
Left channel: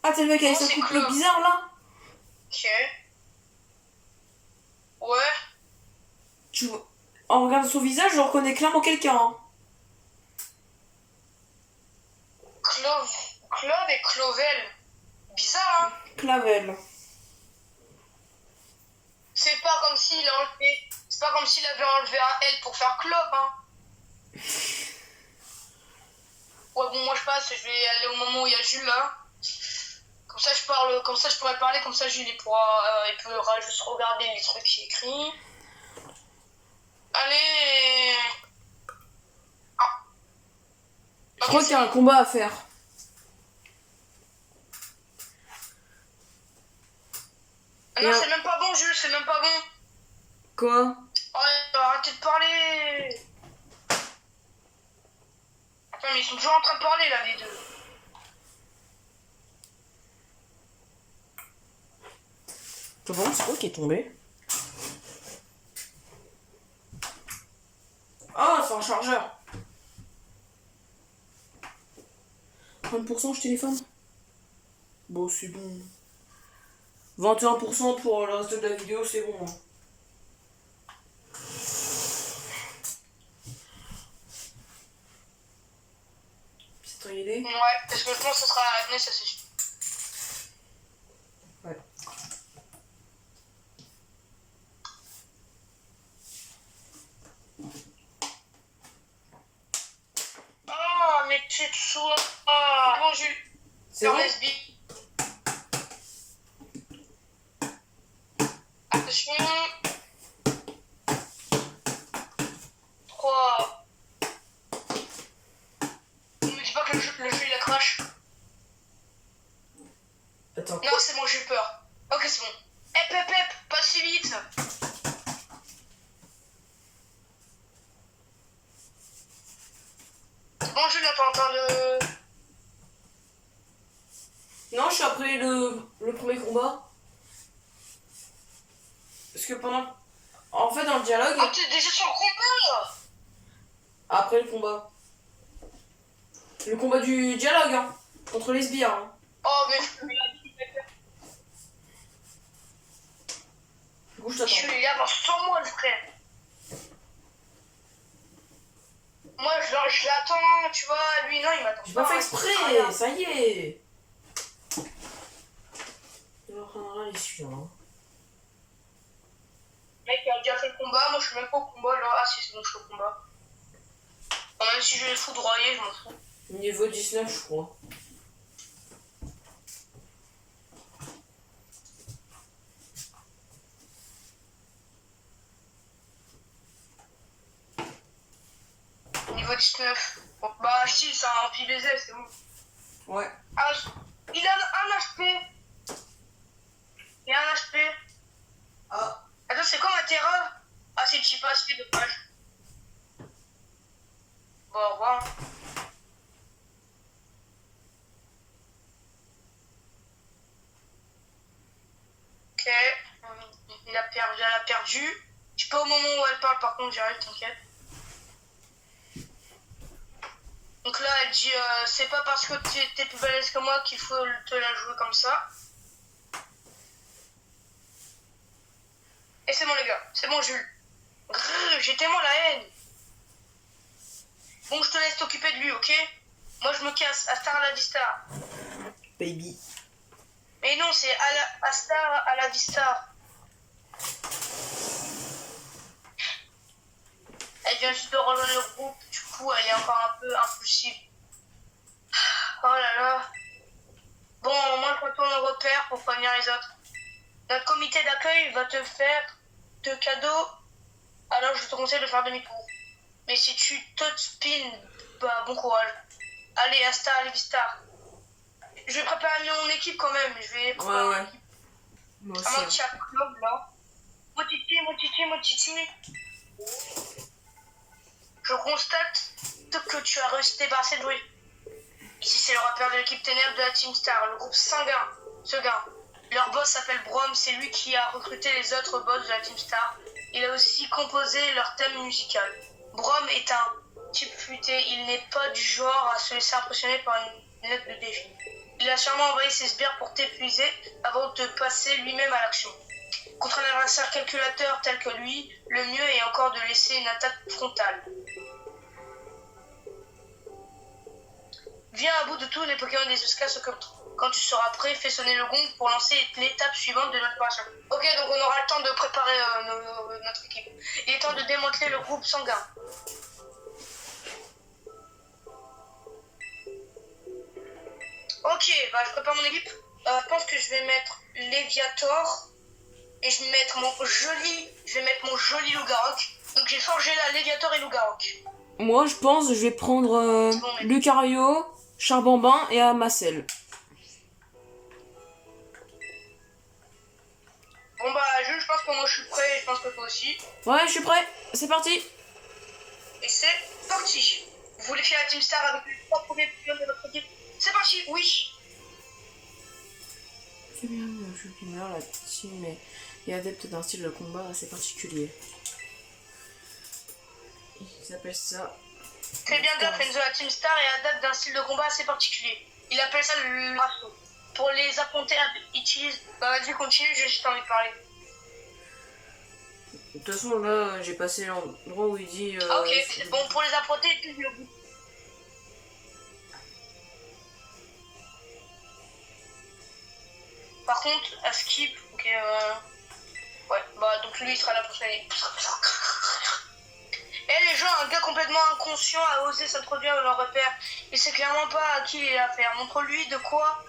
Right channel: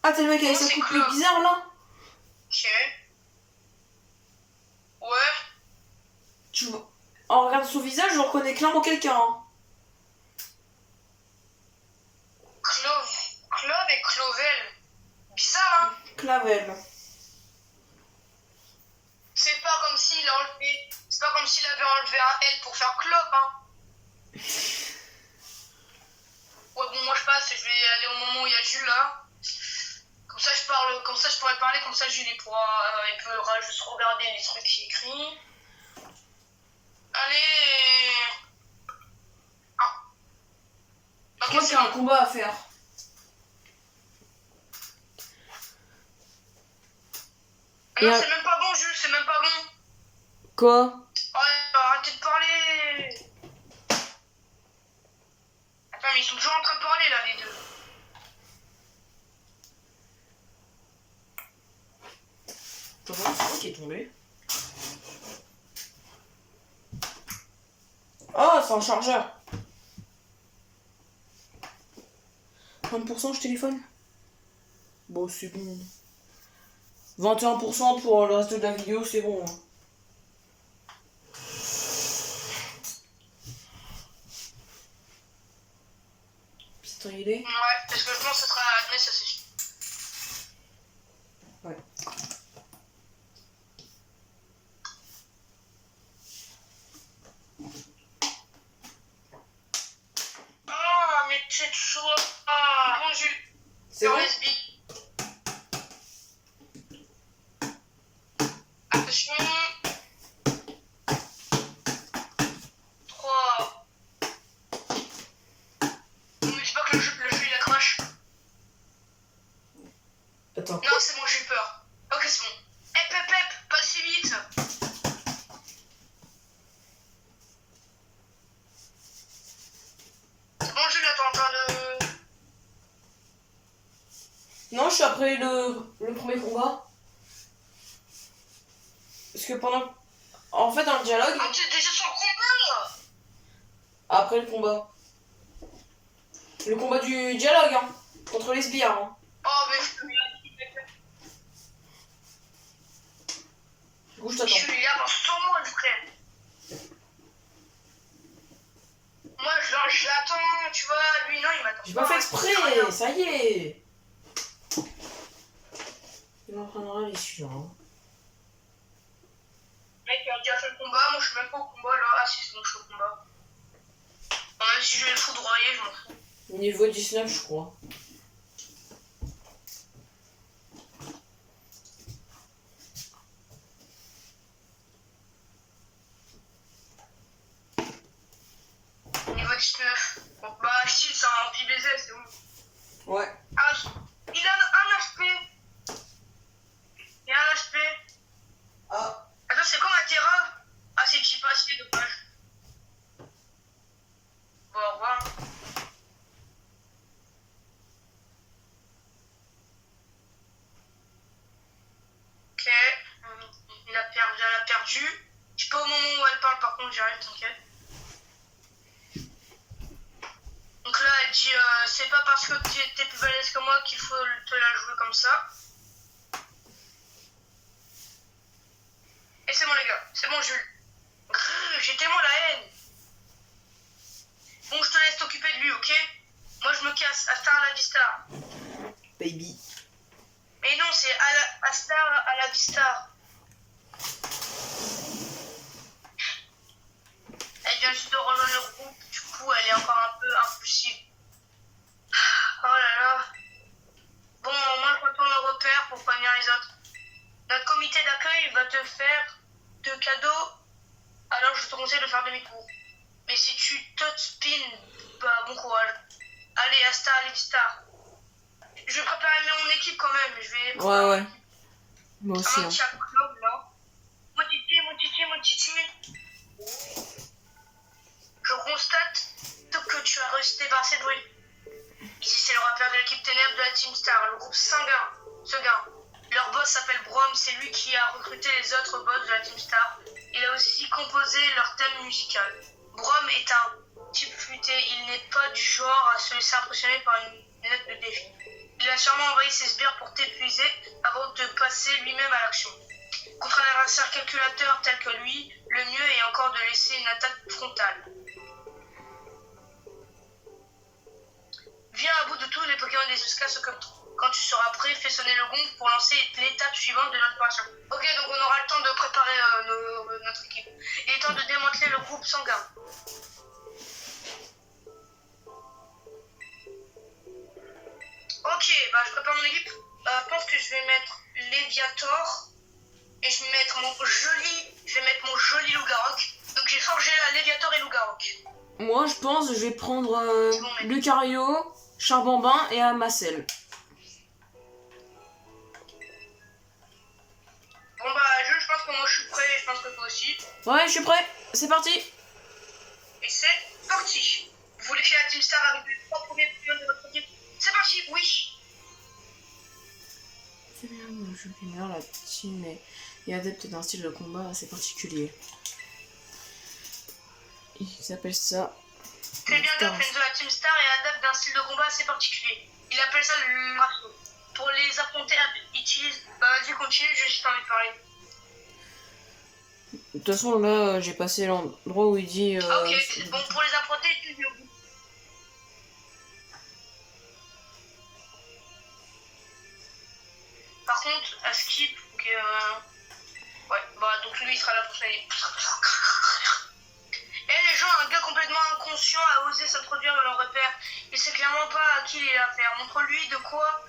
Ah, t'es le mec avec sa coupe bizarre, là? Ok. Ouais. Tu vois... En regardant son visage, je reconnais clairement quelqu'un. Hein. Clove et Clovel. Bizarre, hein? Clavel. C'est pas comme s'il a enlevé... C'est pas comme s'il avait enlevé un L pour faire Clove, hein? Ouais, bon, moi je passe, je vais aller au moment où il y a Jules, là. Comme ça, je pourrais parler, comme ça, Jules, il pourra juste regarder les trucs qui écrit. Allez. Ah. Je crois qu'il y a un combat à faire. Ah non, c'est même pas bon, Jules, c'est même pas bon. Quoi? Oh, arrêtez de parler. Attends, mais ils sont toujours en train de parler, là, les deux. T'as vraiment, c'est quoi qui est tombé? Oh, c'est un chargeur. 30% je téléphone. Bon, c'est bon. 21% pour le reste de la vidéo, c'est bon. Piston il est. Ouais, parce que je pense que ça sera à Agnès, ça c'est sûr. Ouais. Ah, mais tu te sois. Ah, bon, Jules. C'est bon? SB. Attention. 3. Ne me dis pas que le jeu il a crash. Attends. Non, c'est bon, j'ai eu peur. Ok, c'est bon. Hep, pas si vite. C'est bon, Jules, attends, de. Non, je suis après le premier combat. Parce que pendant. En fait, dans le dialogue. Ah, t'es déjà sur le combat là. Après le combat. Le combat du dialogue, hein. Contre les sbires, hein. Oh, mais Du coup, je je t'attends. suis là dans 100 mois, le frère. Moi, je l'attends, tu vois. Lui, non, il m'attend. J'ai pas fait exprès, Rien. ça y est. Il en prendra les celui-là. Hein. Mec, il a déjà fait le combat. Moi, je suis même pas au combat là. Ah, si, c'est bon, je suis au combat. Bon, même si je vais le foudroyer, je m'en fous. Niveau 19, je crois. Niveau 19. Bon, bah, si, c'est un anti-baiser, c'est bon. Ouais. Ah, il a un HP. Il a un HP. Ah. Attends, c'est quoi ma terreur? Ah, c'est cheap HP, dommage. Bon, au revoir. Ok. Il a perdu. Je sais pas au moment où elle parle, par contre, j'arrive, t'inquiète. Donc là, elle dit c'est pas parce que t'es plus balèze que moi qu'il faut te la jouer comme ça. Et c'est bon, les gars, c'est bon, Jules. Grrr, j'ai tellement la haine. Bon, je te laisse t'occuper de lui, ok? Moi, je me casse. Hasta la vista. Baby. Mais non, c'est hasta à la vista. Elle vient juste de rejoindre le groupe, du coup, elle est encore un peu impulsive. Oh là là. Bon, moi, je retourne au repère pour prévenir les autres. Notre comité d'accueil va te faire de cadeaux, alors je te conseille de faire demi-tour. Mais si tu te spin, bah bon courage. Allez, hasta la vista. Je vais préparer mon équipe quand même. Je vais préparer Ouais. Moi aussi. un petit club là. Mon titi. Je constate que tu as réussi à débarrasser de bruit. Ici, c'est le repère de l'équipe Ténèbres de la Team Star, le groupe Seguin. Leur boss s'appelle Brom, c'est lui qui a recruté les autres boss de la Team Star. Il a aussi composé leur thème musical. Brom est un type futé, il n'est pas du genre à se laisser impressionner par une lettre de défi. Il a sûrement envoyé ses sbires pour t'épuiser avant de passer lui-même à l'action. Contre un adversaire calculateur tel que lui, le mieux est encore de laisser une attaque frontale. Viens à bout de tous les Pokémon des escasses comme toi. Quand tu seras prêt, fais sonner le gong pour lancer l'étape suivante de notre opération. Ok, donc on aura le temps de préparer notre équipe. Il est temps de démanteler le groupe sanguin. Ok, bah je prépare mon équipe. Je pense que je vais mettre Léviator et je vais mettre mon joli Lougarok. Donc j'ai forgé là Léviator et Lougarok. Moi, je pense que je vais prendre Lucario, Charbambin et Amacel. suis prêt, je pense que toi aussi. Ouais, je suis prêt. C'est parti. Et c'est parti. Vous voulez faire la Team Star avec les 3 premiers Pokémon de votre équipe? C'est parti, oui. C'est bien, le jeu gamer, la team est adepte d'un style de combat assez particulier. Ils appellent ça... C'est bien Putain. Enzo, la Team Star est adepte d'un style de combat assez particulier. Il appelle ça le marteau. Pour les affronter, utilise... Bah vas-y, continue, j'ai juste envie de parler. De toute façon, là, j'ai passé l'endroit où il dit... Ah ok, c'est bon, pour les affronter, utilise le bout. Par contre, à skip, ok, ouais, bah donc lui il sera la prochaine. Et les gens, un gars complètement inconscient a osé s'introduire dans leur repère. Il sait clairement pas à qui il est affaire. Montrons-lui de quoi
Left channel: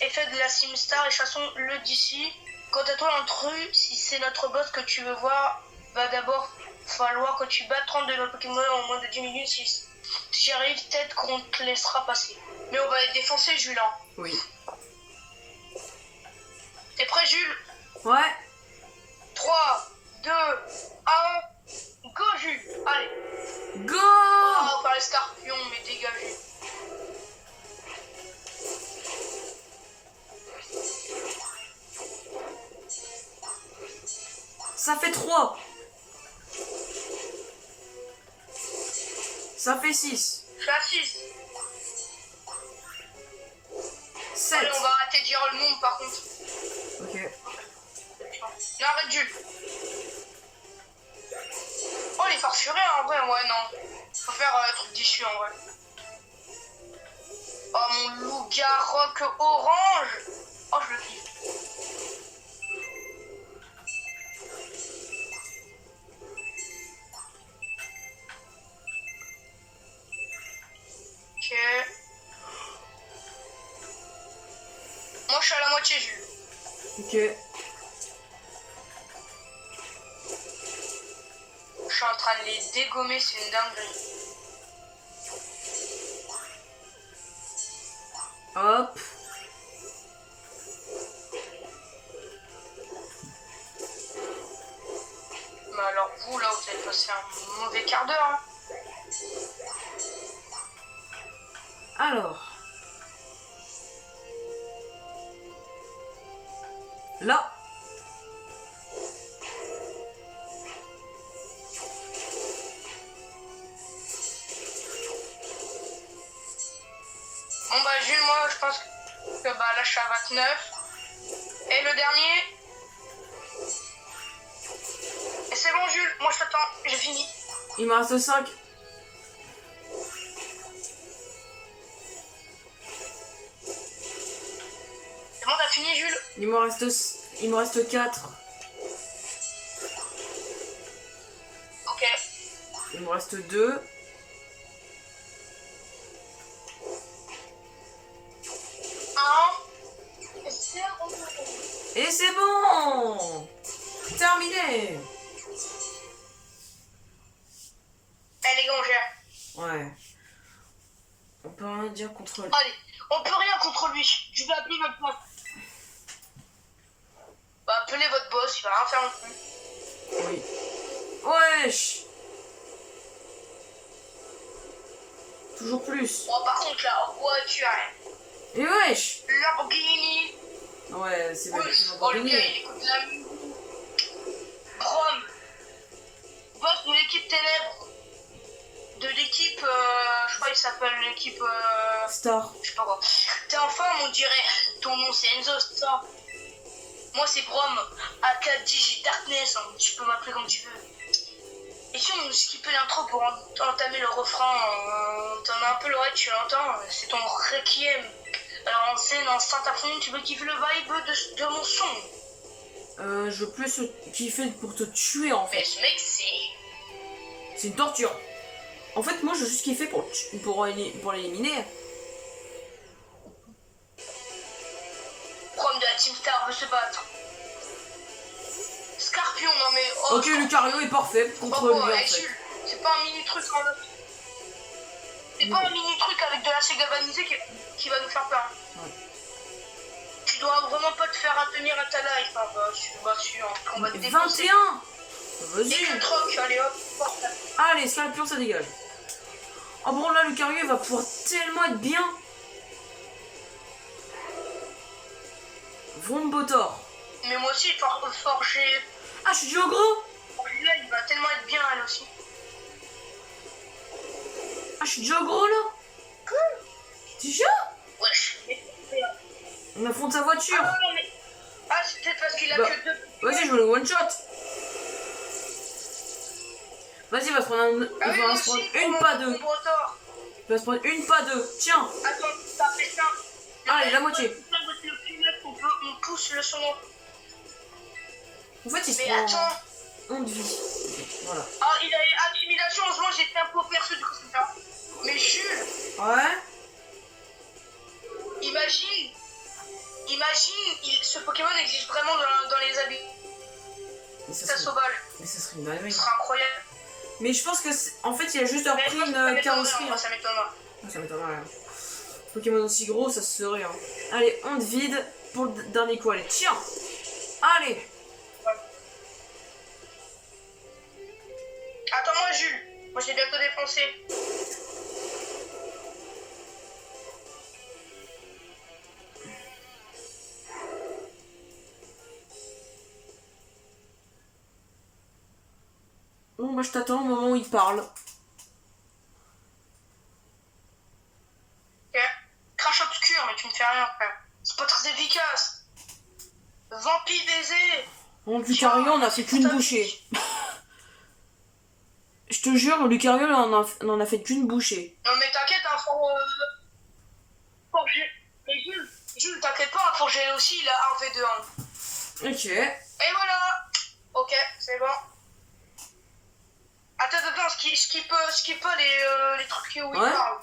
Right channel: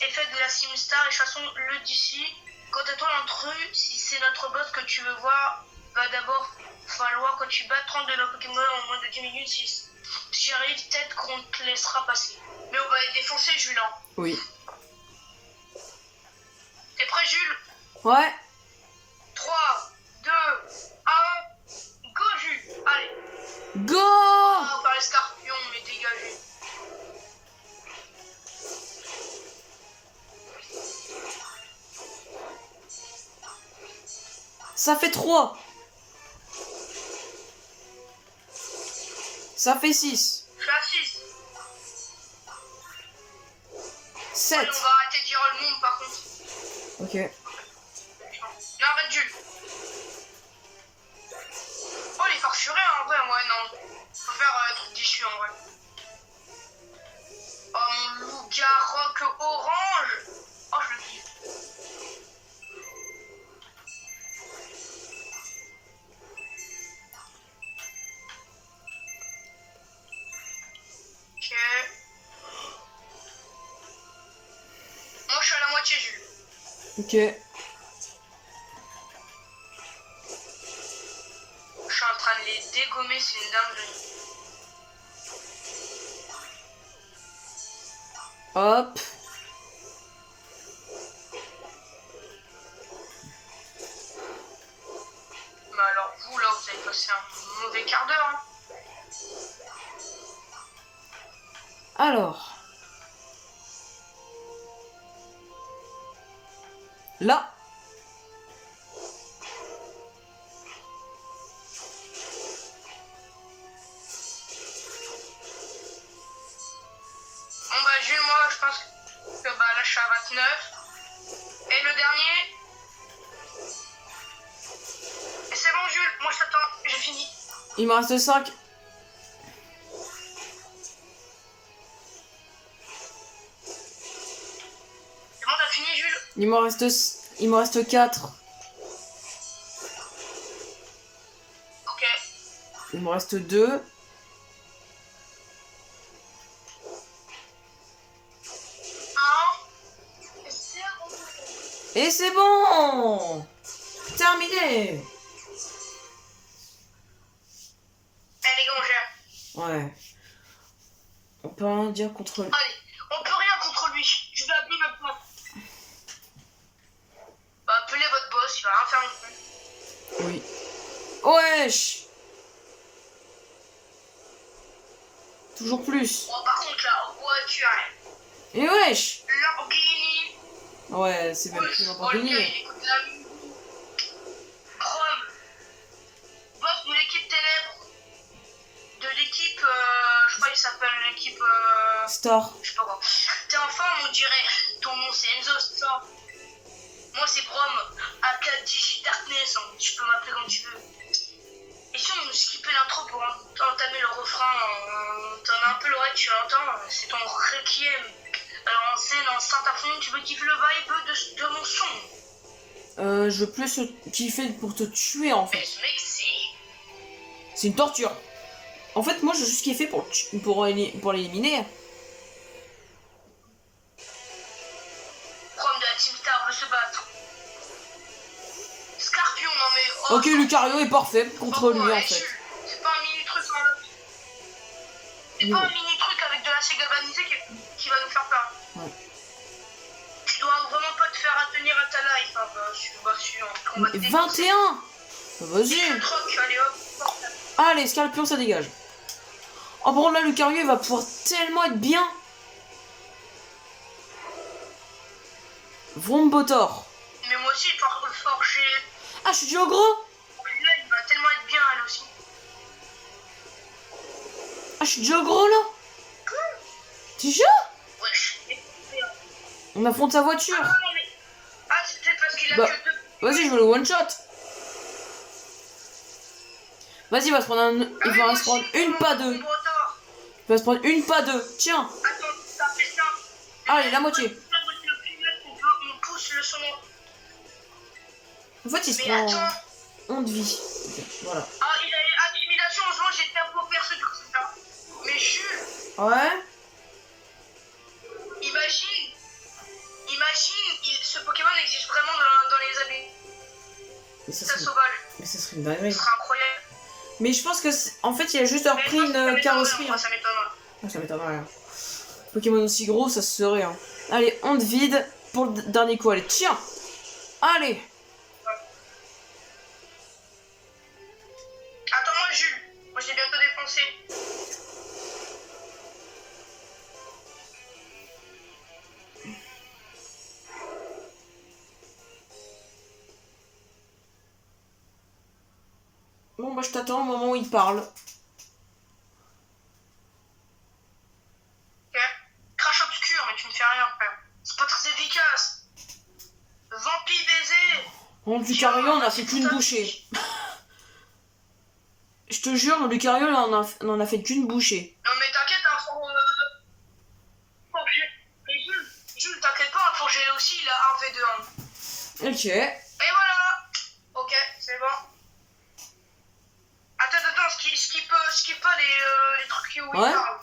est fait de la Team Star et chassons-le d'ici. Quant à toi, l'intrus, si c'est notre boss que tu veux voir, va d'abord falloir que tu battes 30 de nos Pokémon en moins de 10 minutes. Si j'y arrive, peut-être qu'on te laissera passer. Mais on va les défoncer, Jules. Oui. T'es prêt, Jules? Ouais. 3, 2, 1, go, Jules. Allez. Go! Oh, par les scorpions, mais dégagez. Ça fait 3. Ça fait 6. Je suis à 6. 7. Allez, on va arrêter de dire le monde par contre. Ok. Non, arrête, Jules. Oh, les farfurés en vrai, ouais, non. Faut faire truc déchu en vrai. Oh, mon loup-garroc orange. Oh, je le kiffe. Ok. Moi, je suis à la moitié, Jules. Ok. Je suis en train de les dégommer, c'est une dinguerie. Hop. Mais alors, vous, là, vous avez passé un mauvais quart d'heure, hein. Alors. Là. Bon bah Jules, moi je pense que bah là je suis à 29. Et le dernier. Et c'est bon Jules, moi je t'attends, j'ai fini. Il me reste 5. C'est bon, t'as fini Jules? Il me reste 4. Ok. Il me reste 2. Et c'est bon! Terminé! Eh les gars, on gère. Ouais. On peut rien dire contre lui. Allez, on peut rien contre lui. Je vais appeler notre boss. Bah appelez votre boss, il va rien faire non plus. Oui. Wesh! Toujours plus. Bon par contre la voiture, Et wesh! Lamborghini. Ouais, c'est pas Ouais. le plus Oh le gars, Lamborghini. il écoute de la musique. Chrome. Boss de l'équipe Ténèbres. De l'équipe, je crois qu'il s'appelle l'équipe, Star. je sais pas quoi. T'es en forme, on dirait. Ton nom c'est Enzo, c'est ça. Moi c'est Brom, aka Digi Darkness, hein. Tu peux m'appeler comme tu veux. Et si on skippait l'intro pour entamer le refrain, t'en as un peu l'oreille, tu l'entends, c'est ton requiem. Alors en scène, en saint à fond, tu veux kiffer le vibe de mon son. Je veux plus kiffer pour te tuer en Mais fait. ce mec c'est... C'est une torture. En fait, moi je veux juste kiffer pour l'éliminer. Brom de la Team Star veut se battre. Scorpion, non mais... Oh, Ok, Lucario est parfait contre lui en fait. C'est pas un mini truc en fait. C'est pas un mini truc avec de la galvanisée qui va nous faire peur. Ouais. tu dois vraiment pas te faire tenir à ta life. Hein, bah, on va te défoncer. 21. Et Vas-y. le troc, allez hop, porte. Allez, Scorpion, ça dégage. Oh bon, là, Lucario, il va pouvoir tellement être bien. Vrombotor. Mais moi aussi, forger. Ah, je suis du gros. Là, il va tellement être bien, elle aussi. Ah, je suis du gros, là. Tu jures? Wesh. On affronte sa voiture. Ah, non, mais... ah c'est peut-être parce qu'il a Bah, que 2. Vas-y, je veux le one shot. Vas-y, il va se prendre Ah, il va se prendre une, pas deux. Il va se prendre une, pas deux. Tiens. Attends, ça fait ça. Allez, la moitié. On pousse le son. En fait, il se Mais prend attends. 11 de vie. Ok, voilà. Ah, il a intimidation, heureusement j'étais un peu perso du coup c'est ça. Mais Jules, Ouais. imagine, ce Pokémon existe vraiment dans les abysses. Mais ça Ça serait, sauvage. mais ça serait une dinguerie. Ce serait incroyable. Mais je pense que en fait, il a juste repris une carrosserie. Moi, ça m'étonnerait. Ça m'étonnerait. Hein. Pokémon aussi gros, ça se serait. Hein. Allez, on te vide pour le dernier coup. Allez, tiens. Allez. Attends-moi Jules, moi je l'ai bientôt défoncé. Bon, bah je t'attends au moment où il parle. Ok. Crash obscur, mais tu me fais rien frère. C'est pas très efficace. Vampire baiser. Bon, Lucario, on a fait qu'une bouchée. Je te jure, Lucario, on en a fait qu'une bouchée. Non mais t'inquiète, hein, forger. Mais Jules, t'inquiète pas, forger aussi, il a un V2. Hein. Ok. Et voilà. Ok, c'est bon. Attends, skip pas les trucs où il Ouais. parle.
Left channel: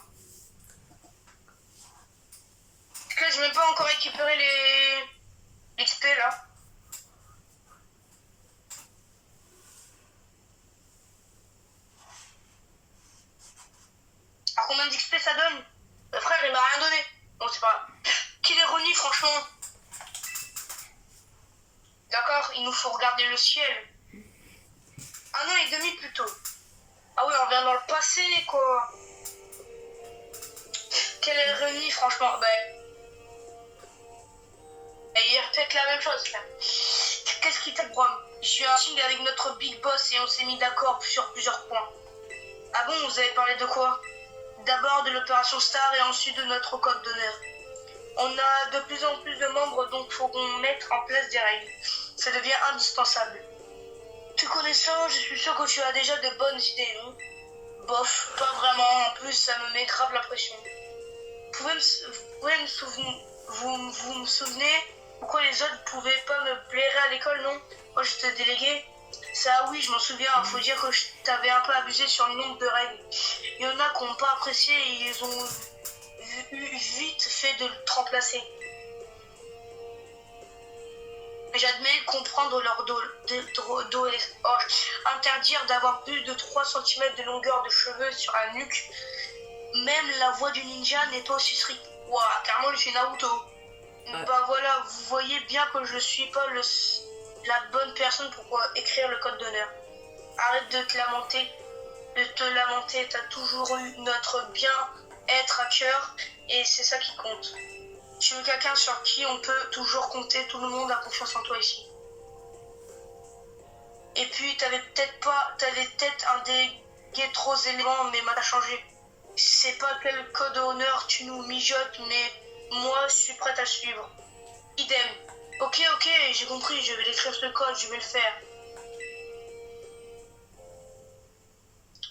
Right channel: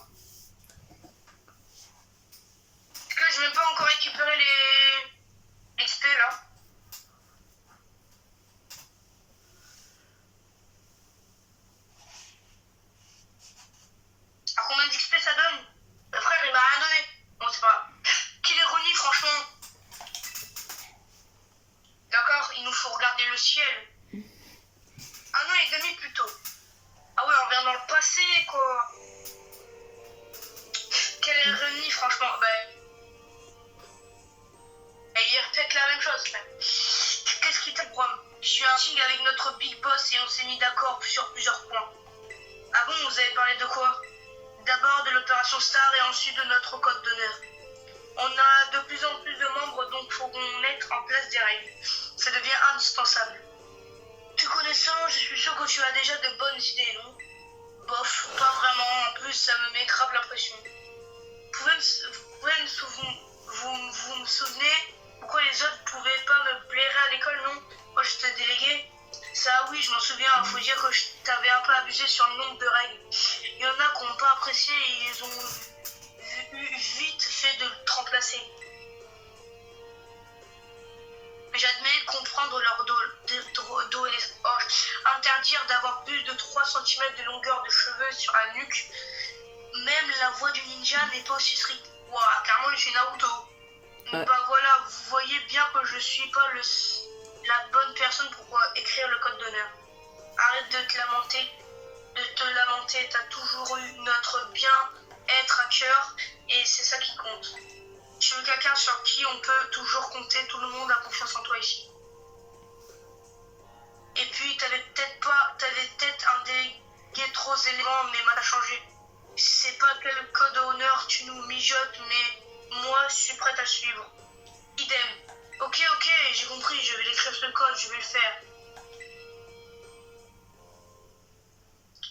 Parce que je vais même pas encore récupérer les XP là. À combien d'XP ça donne? Le frère il m'a rien donné. Bon c'est pas grave. Quelle ironie franchement. D'accord, il nous faut regarder le ciel. Un an et demi plus tôt. Ah ouais, on vient dans le passé quoi. Quelle ironie franchement. Il répète la même chose. Qu'est-ce qui t'a Bram? J'ai eu un meeting avec notre big boss et on s'est mis d'accord sur plusieurs points. Ah bon, vous avez parlé de quoi? D'abord de l'opération Star et ensuite de notre code d'honneur. On a de plus en plus de membres, donc faut qu'on mette en place des règles. Ça devient indispensable. Tu connaissant, je suis sûr que tu as déjà de bonnes idées, non? Bof, pas vraiment. En plus, ça me met grave la pression. Vous me souvenez pourquoi les autres pouvaient pas me blairer à l'école, non? Moi, j'étais délégué. Ça, oui, je m'en souviens. Faut dire que je t'avais un peu abusé sur le nombre de règles. Il y en a qui n'ont pas apprécié et ils ont vite fait de te remplacer. J'admets comprendre leur dos et interdire d'avoir plus de 3 cm de longueur de cheveux sur la nuque. Même la voix du ninja n'est pas aussi stricte. Ouah, carrément, je suis Naruto. Bah voilà, vous voyez bien que je suis pas la bonne personne pour écrire le code d'honneur. Arrête de te lamenter. T'as toujours eu notre bien-être à cœur et c'est ça qui compte. Tu veux quelqu'un sur qui on peut toujours compter, tout le monde a confiance en toi ici. Et puis t'avais peut-être un des trop éléments, mais t'as changé. Je sais pas quel code d'honneur tu nous mijotes, mais moi je suis prête à suivre. Idem. Ok, j'ai compris, je vais l'écrire ce code, je vais le faire.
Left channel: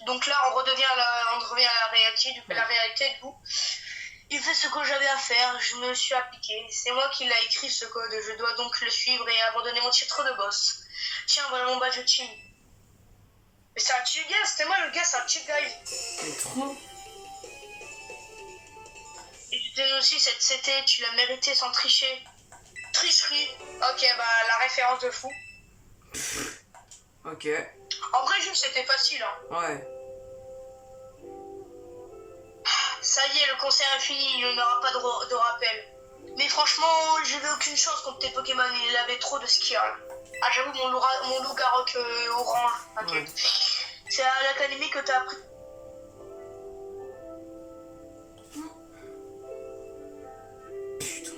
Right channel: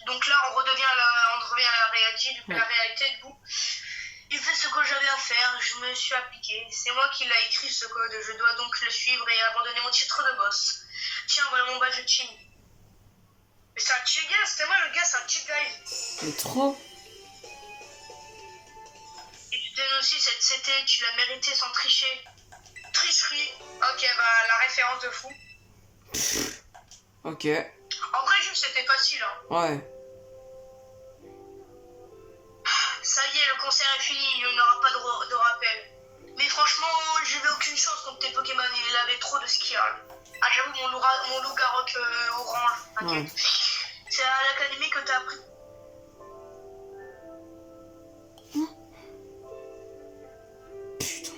Donc là, on revient à la réalité, la réalité de vous. Il fait ce que j'avais à faire, je me suis appliqué. C'est moi qui l'ai écrit ce code, je dois donc le suivre et abandonner mon titre de boss. Tiens, voilà mon badge de team. Mais c'est un chill guy, c'était moi le gars, c'est un chill guy. Mais trop. Et tu donnes aussi cette CT, tu l'as mérité sans tricher. Tricherie. Ok, bah la référence de fou. Ok. En vrai, juste c'était facile. Hein. Ouais. Ça y est, le concert est fini, il n'y en aura pas de rappel. Mais franchement, j'avais aucune chance contre tes Pokémon, il avait trop de skills. Ah, j'avoue, mon Loup-Garok orange, t'inquiète. Ouais. C'est à l'académie que t'as appris. Putain.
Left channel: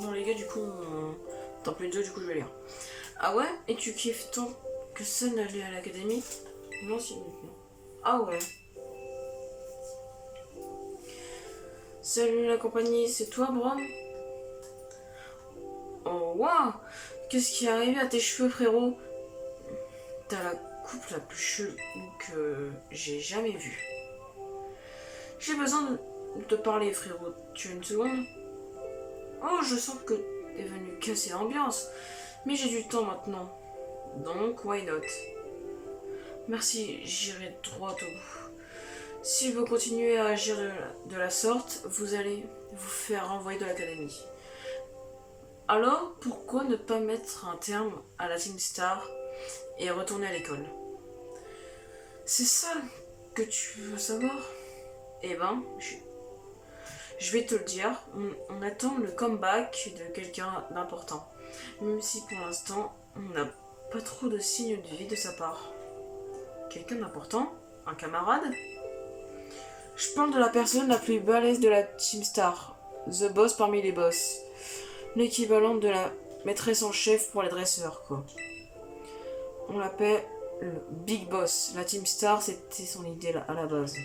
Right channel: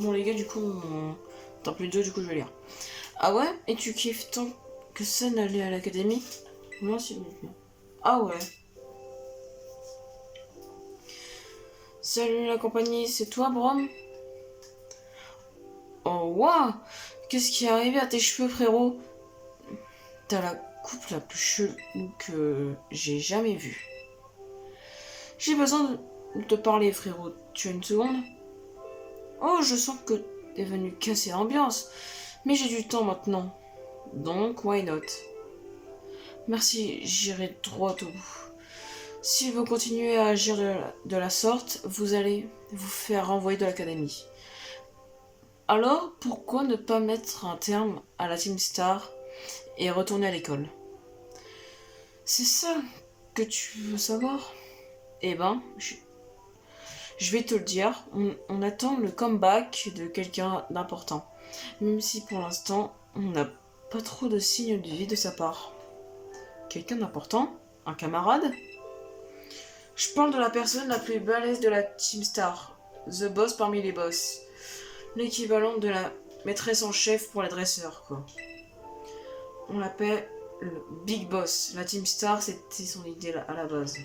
Bon les gars, du coup, t'en plus deux, du coup je vais lire. Ah ouais? Et tu kiffes tant que ça d'aller à l'académie? Moi s'il vous plaît. Ah ouais. Salut la compagnie, c'est toi Brom? Oh waouh! Qu'est-ce qui est arrivé à tes cheveux frérot? T'as la coupe la plus chelou que j'ai jamais vue. J'ai besoin de te parler frérot, tu as une seconde? Oh je sens que t'es venu casser l'ambiance, mais j'ai du temps maintenant. Donc why not? Merci, j'irai droit au bout. Si vous continuez à agir de la sorte, vous allez vous faire renvoyer de l'académie. Alors, pourquoi ne pas mettre un terme à la Team Star et retourner à l'école? C'est ça que tu veux savoir? Eh ben, je vais te le dire, on attend le comeback de quelqu'un d'important. Même si pour l'instant, on n'a pas trop de signes de vie de sa part. Quelqu'un d'important? Un camarade? Je parle de la personne la plus balèze de la Team Star. The boss parmi les boss. L'équivalent de la maîtresse en chef pour les dresseurs, quoi. On l'appelle le Big Boss. La Team Star, c'était son idée à la base.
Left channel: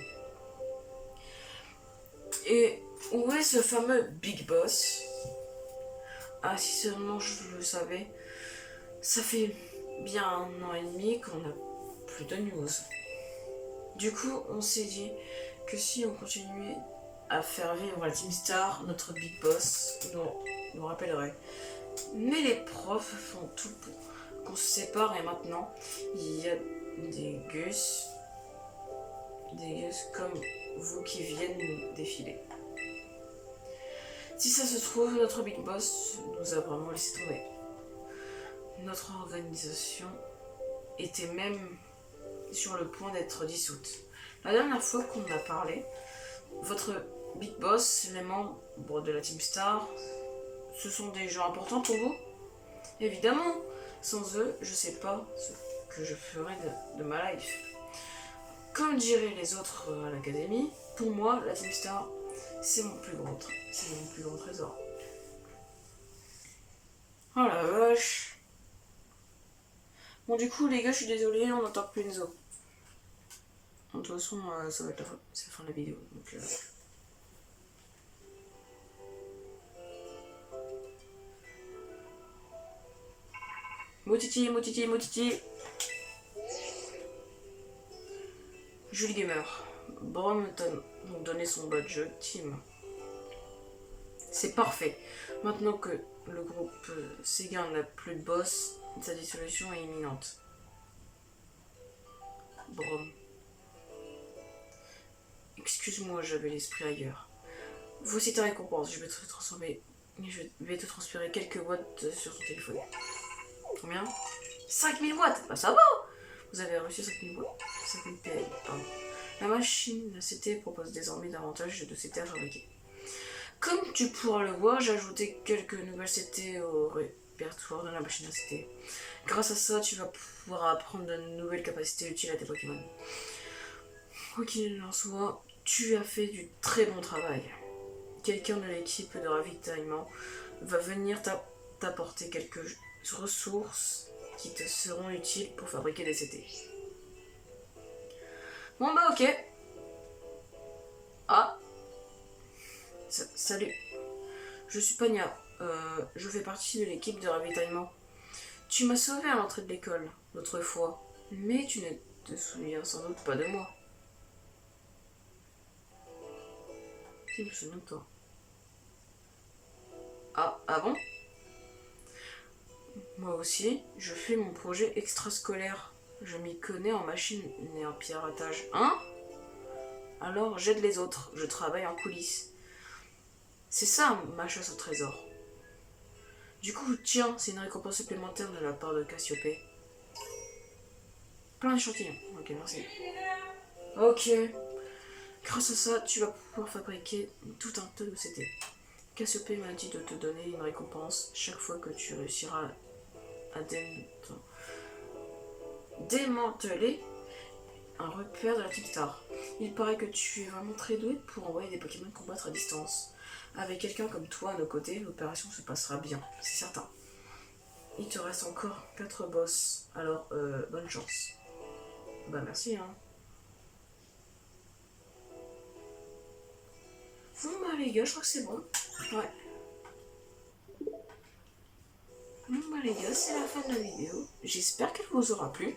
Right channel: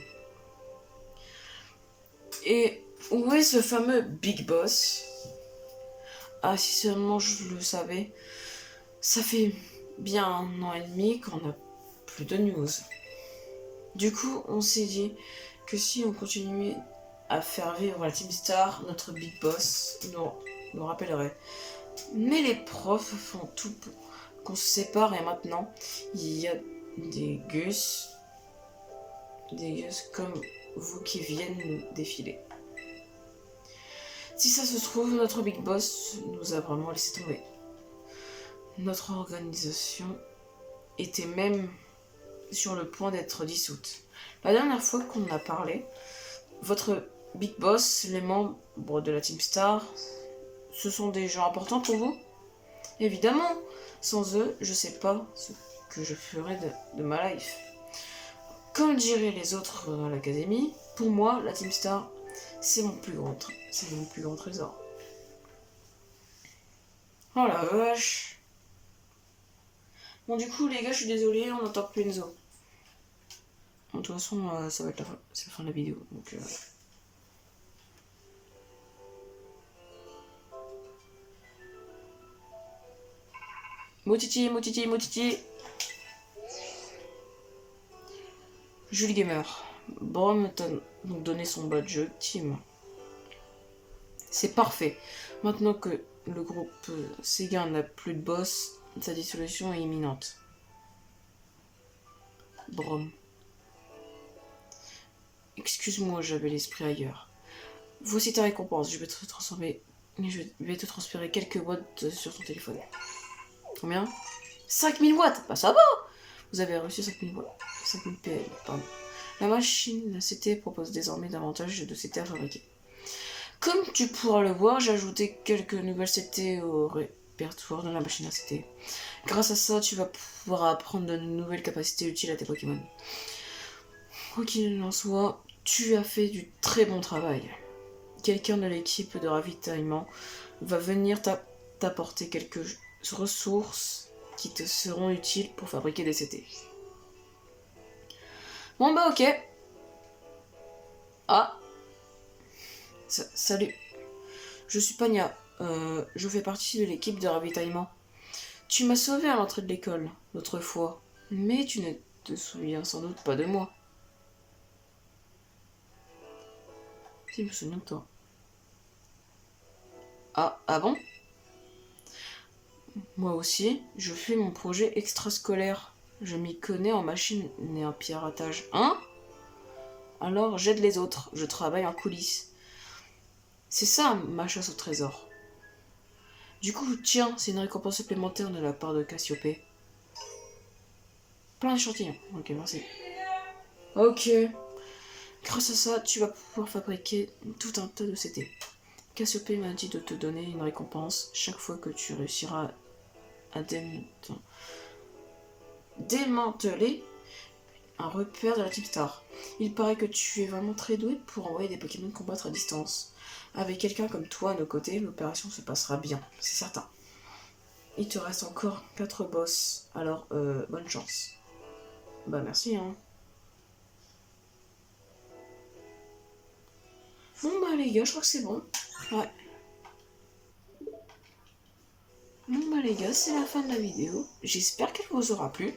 Et où est ce fameux Big Boss? Ah, si seulement je le savais. Ça fait bien 1 an et demi qu'on n'a plus de news. Du coup, on s'est dit que si on continuait à faire vivre la Team Star, notre Big Boss nous rappellerait. Mais les profs font tout pour qu'on se sépare et maintenant, il y a des gus comme vous qui viennent nous défiler. Si ça se trouve, notre Big Boss nous a vraiment laissé tomber. Notre organisation était même sur le point d'être dissoute. La dernière fois qu'on a parlé, votre Big Boss, les membres de la Team Star, ce sont des gens importants pour vous? Évidemment, sans eux, je sais pas ce que je ferais de ma life. Comme diraient les autres à l'académie, pour moi, la Team Star, c'est mon plus grand trésor. Oh la vache. Bon du coup les gars, je suis désolée, on n'entend plus Enzo. De toute façon, ça va être c'est la fin de la vidéo. Donc, Motiti. Julie Gamer. Brom t'a donc donné son badge team. C'est parfait. Maintenant que le groupe Sega n'a plus de boss, sa dissolution est imminente. Brom. Excuse-moi, j'avais l'esprit ailleurs. Voici ta récompense. Je vais te transférer quelques watts sur ton téléphone. Combien? 5000 watts. Bah ça va. Vous avez reçu 5000 watts. 5000 PL, pardon. La machine CT propose désormais davantage de CT à fabriquer. Comme tu pourras le voir, j'ai ajouté quelques nouvelles CT au répertoire de la machine à CT. Grâce à ça, tu vas pouvoir apprendre de nouvelles capacités utiles à tes Pokémon. Quoi qu'il en soit, tu as fait du très bon travail. Quelqu'un de l'équipe de ravitaillement va venir t'apporter quelques ressources qui te seront utiles pour fabriquer des CT. Bon bah ok. Ah. Salut. Je suis Pania. Je fais partie de l'équipe de ravitaillement. Tu m'as sauvé à l'entrée de l'école l'autre fois, mais tu ne te souviens sans doute pas de moi. Si, je me souviens de toi. Ah bon? Moi aussi, je fais mon projet extrascolaire. Je m'y connais en machine et en piratage. Hein? Alors j'aide les autres, je travaille en coulisses. C'est ça ma chasse au trésor. Du coup, tiens, c'est une récompense supplémentaire de la part de Cassiopée. plein d'échantillons. Ok, merci. Ok. Grâce à ça, tu vas pouvoir fabriquer tout un tas de CD. Cassiopée m'a dit de te donner une récompense chaque fois que tu réussiras à démanteler un repère de la type Star. Il paraît que tu es vraiment très doué pour envoyer des Pokémon combattre à distance. Avec quelqu'un comme toi à nos côtés, l'opération se passera bien, c'est certain. Il te reste encore 4 boss, alors bonne chance. Bah merci hein. Bon bah les gars, je crois que c'est bon. Ouais. Bon bah les gars, c'est la fin de la vidéo. J'espère qu'elle vous aura plu.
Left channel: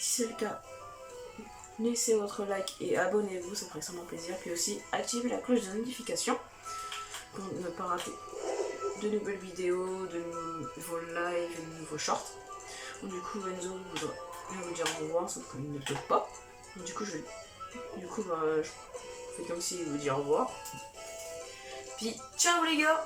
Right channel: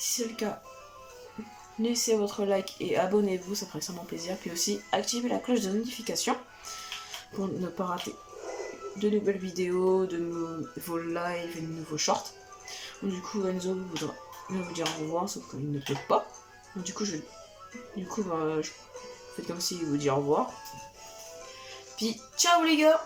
Si c'est le cas, laissez votre like et abonnez-vous, ça ferait extrêmement plaisir. Puis aussi, activez la cloche de notification pour ne pas rater de nouvelles vidéos, de nouveaux lives et de nouveaux shorts. Donc, du coup, Enzo voudra vous dire au revoir, sauf qu'il ne peut pas. Donc, du coup, je fais comme s'il vous dit au revoir. Puis, ciao les gars!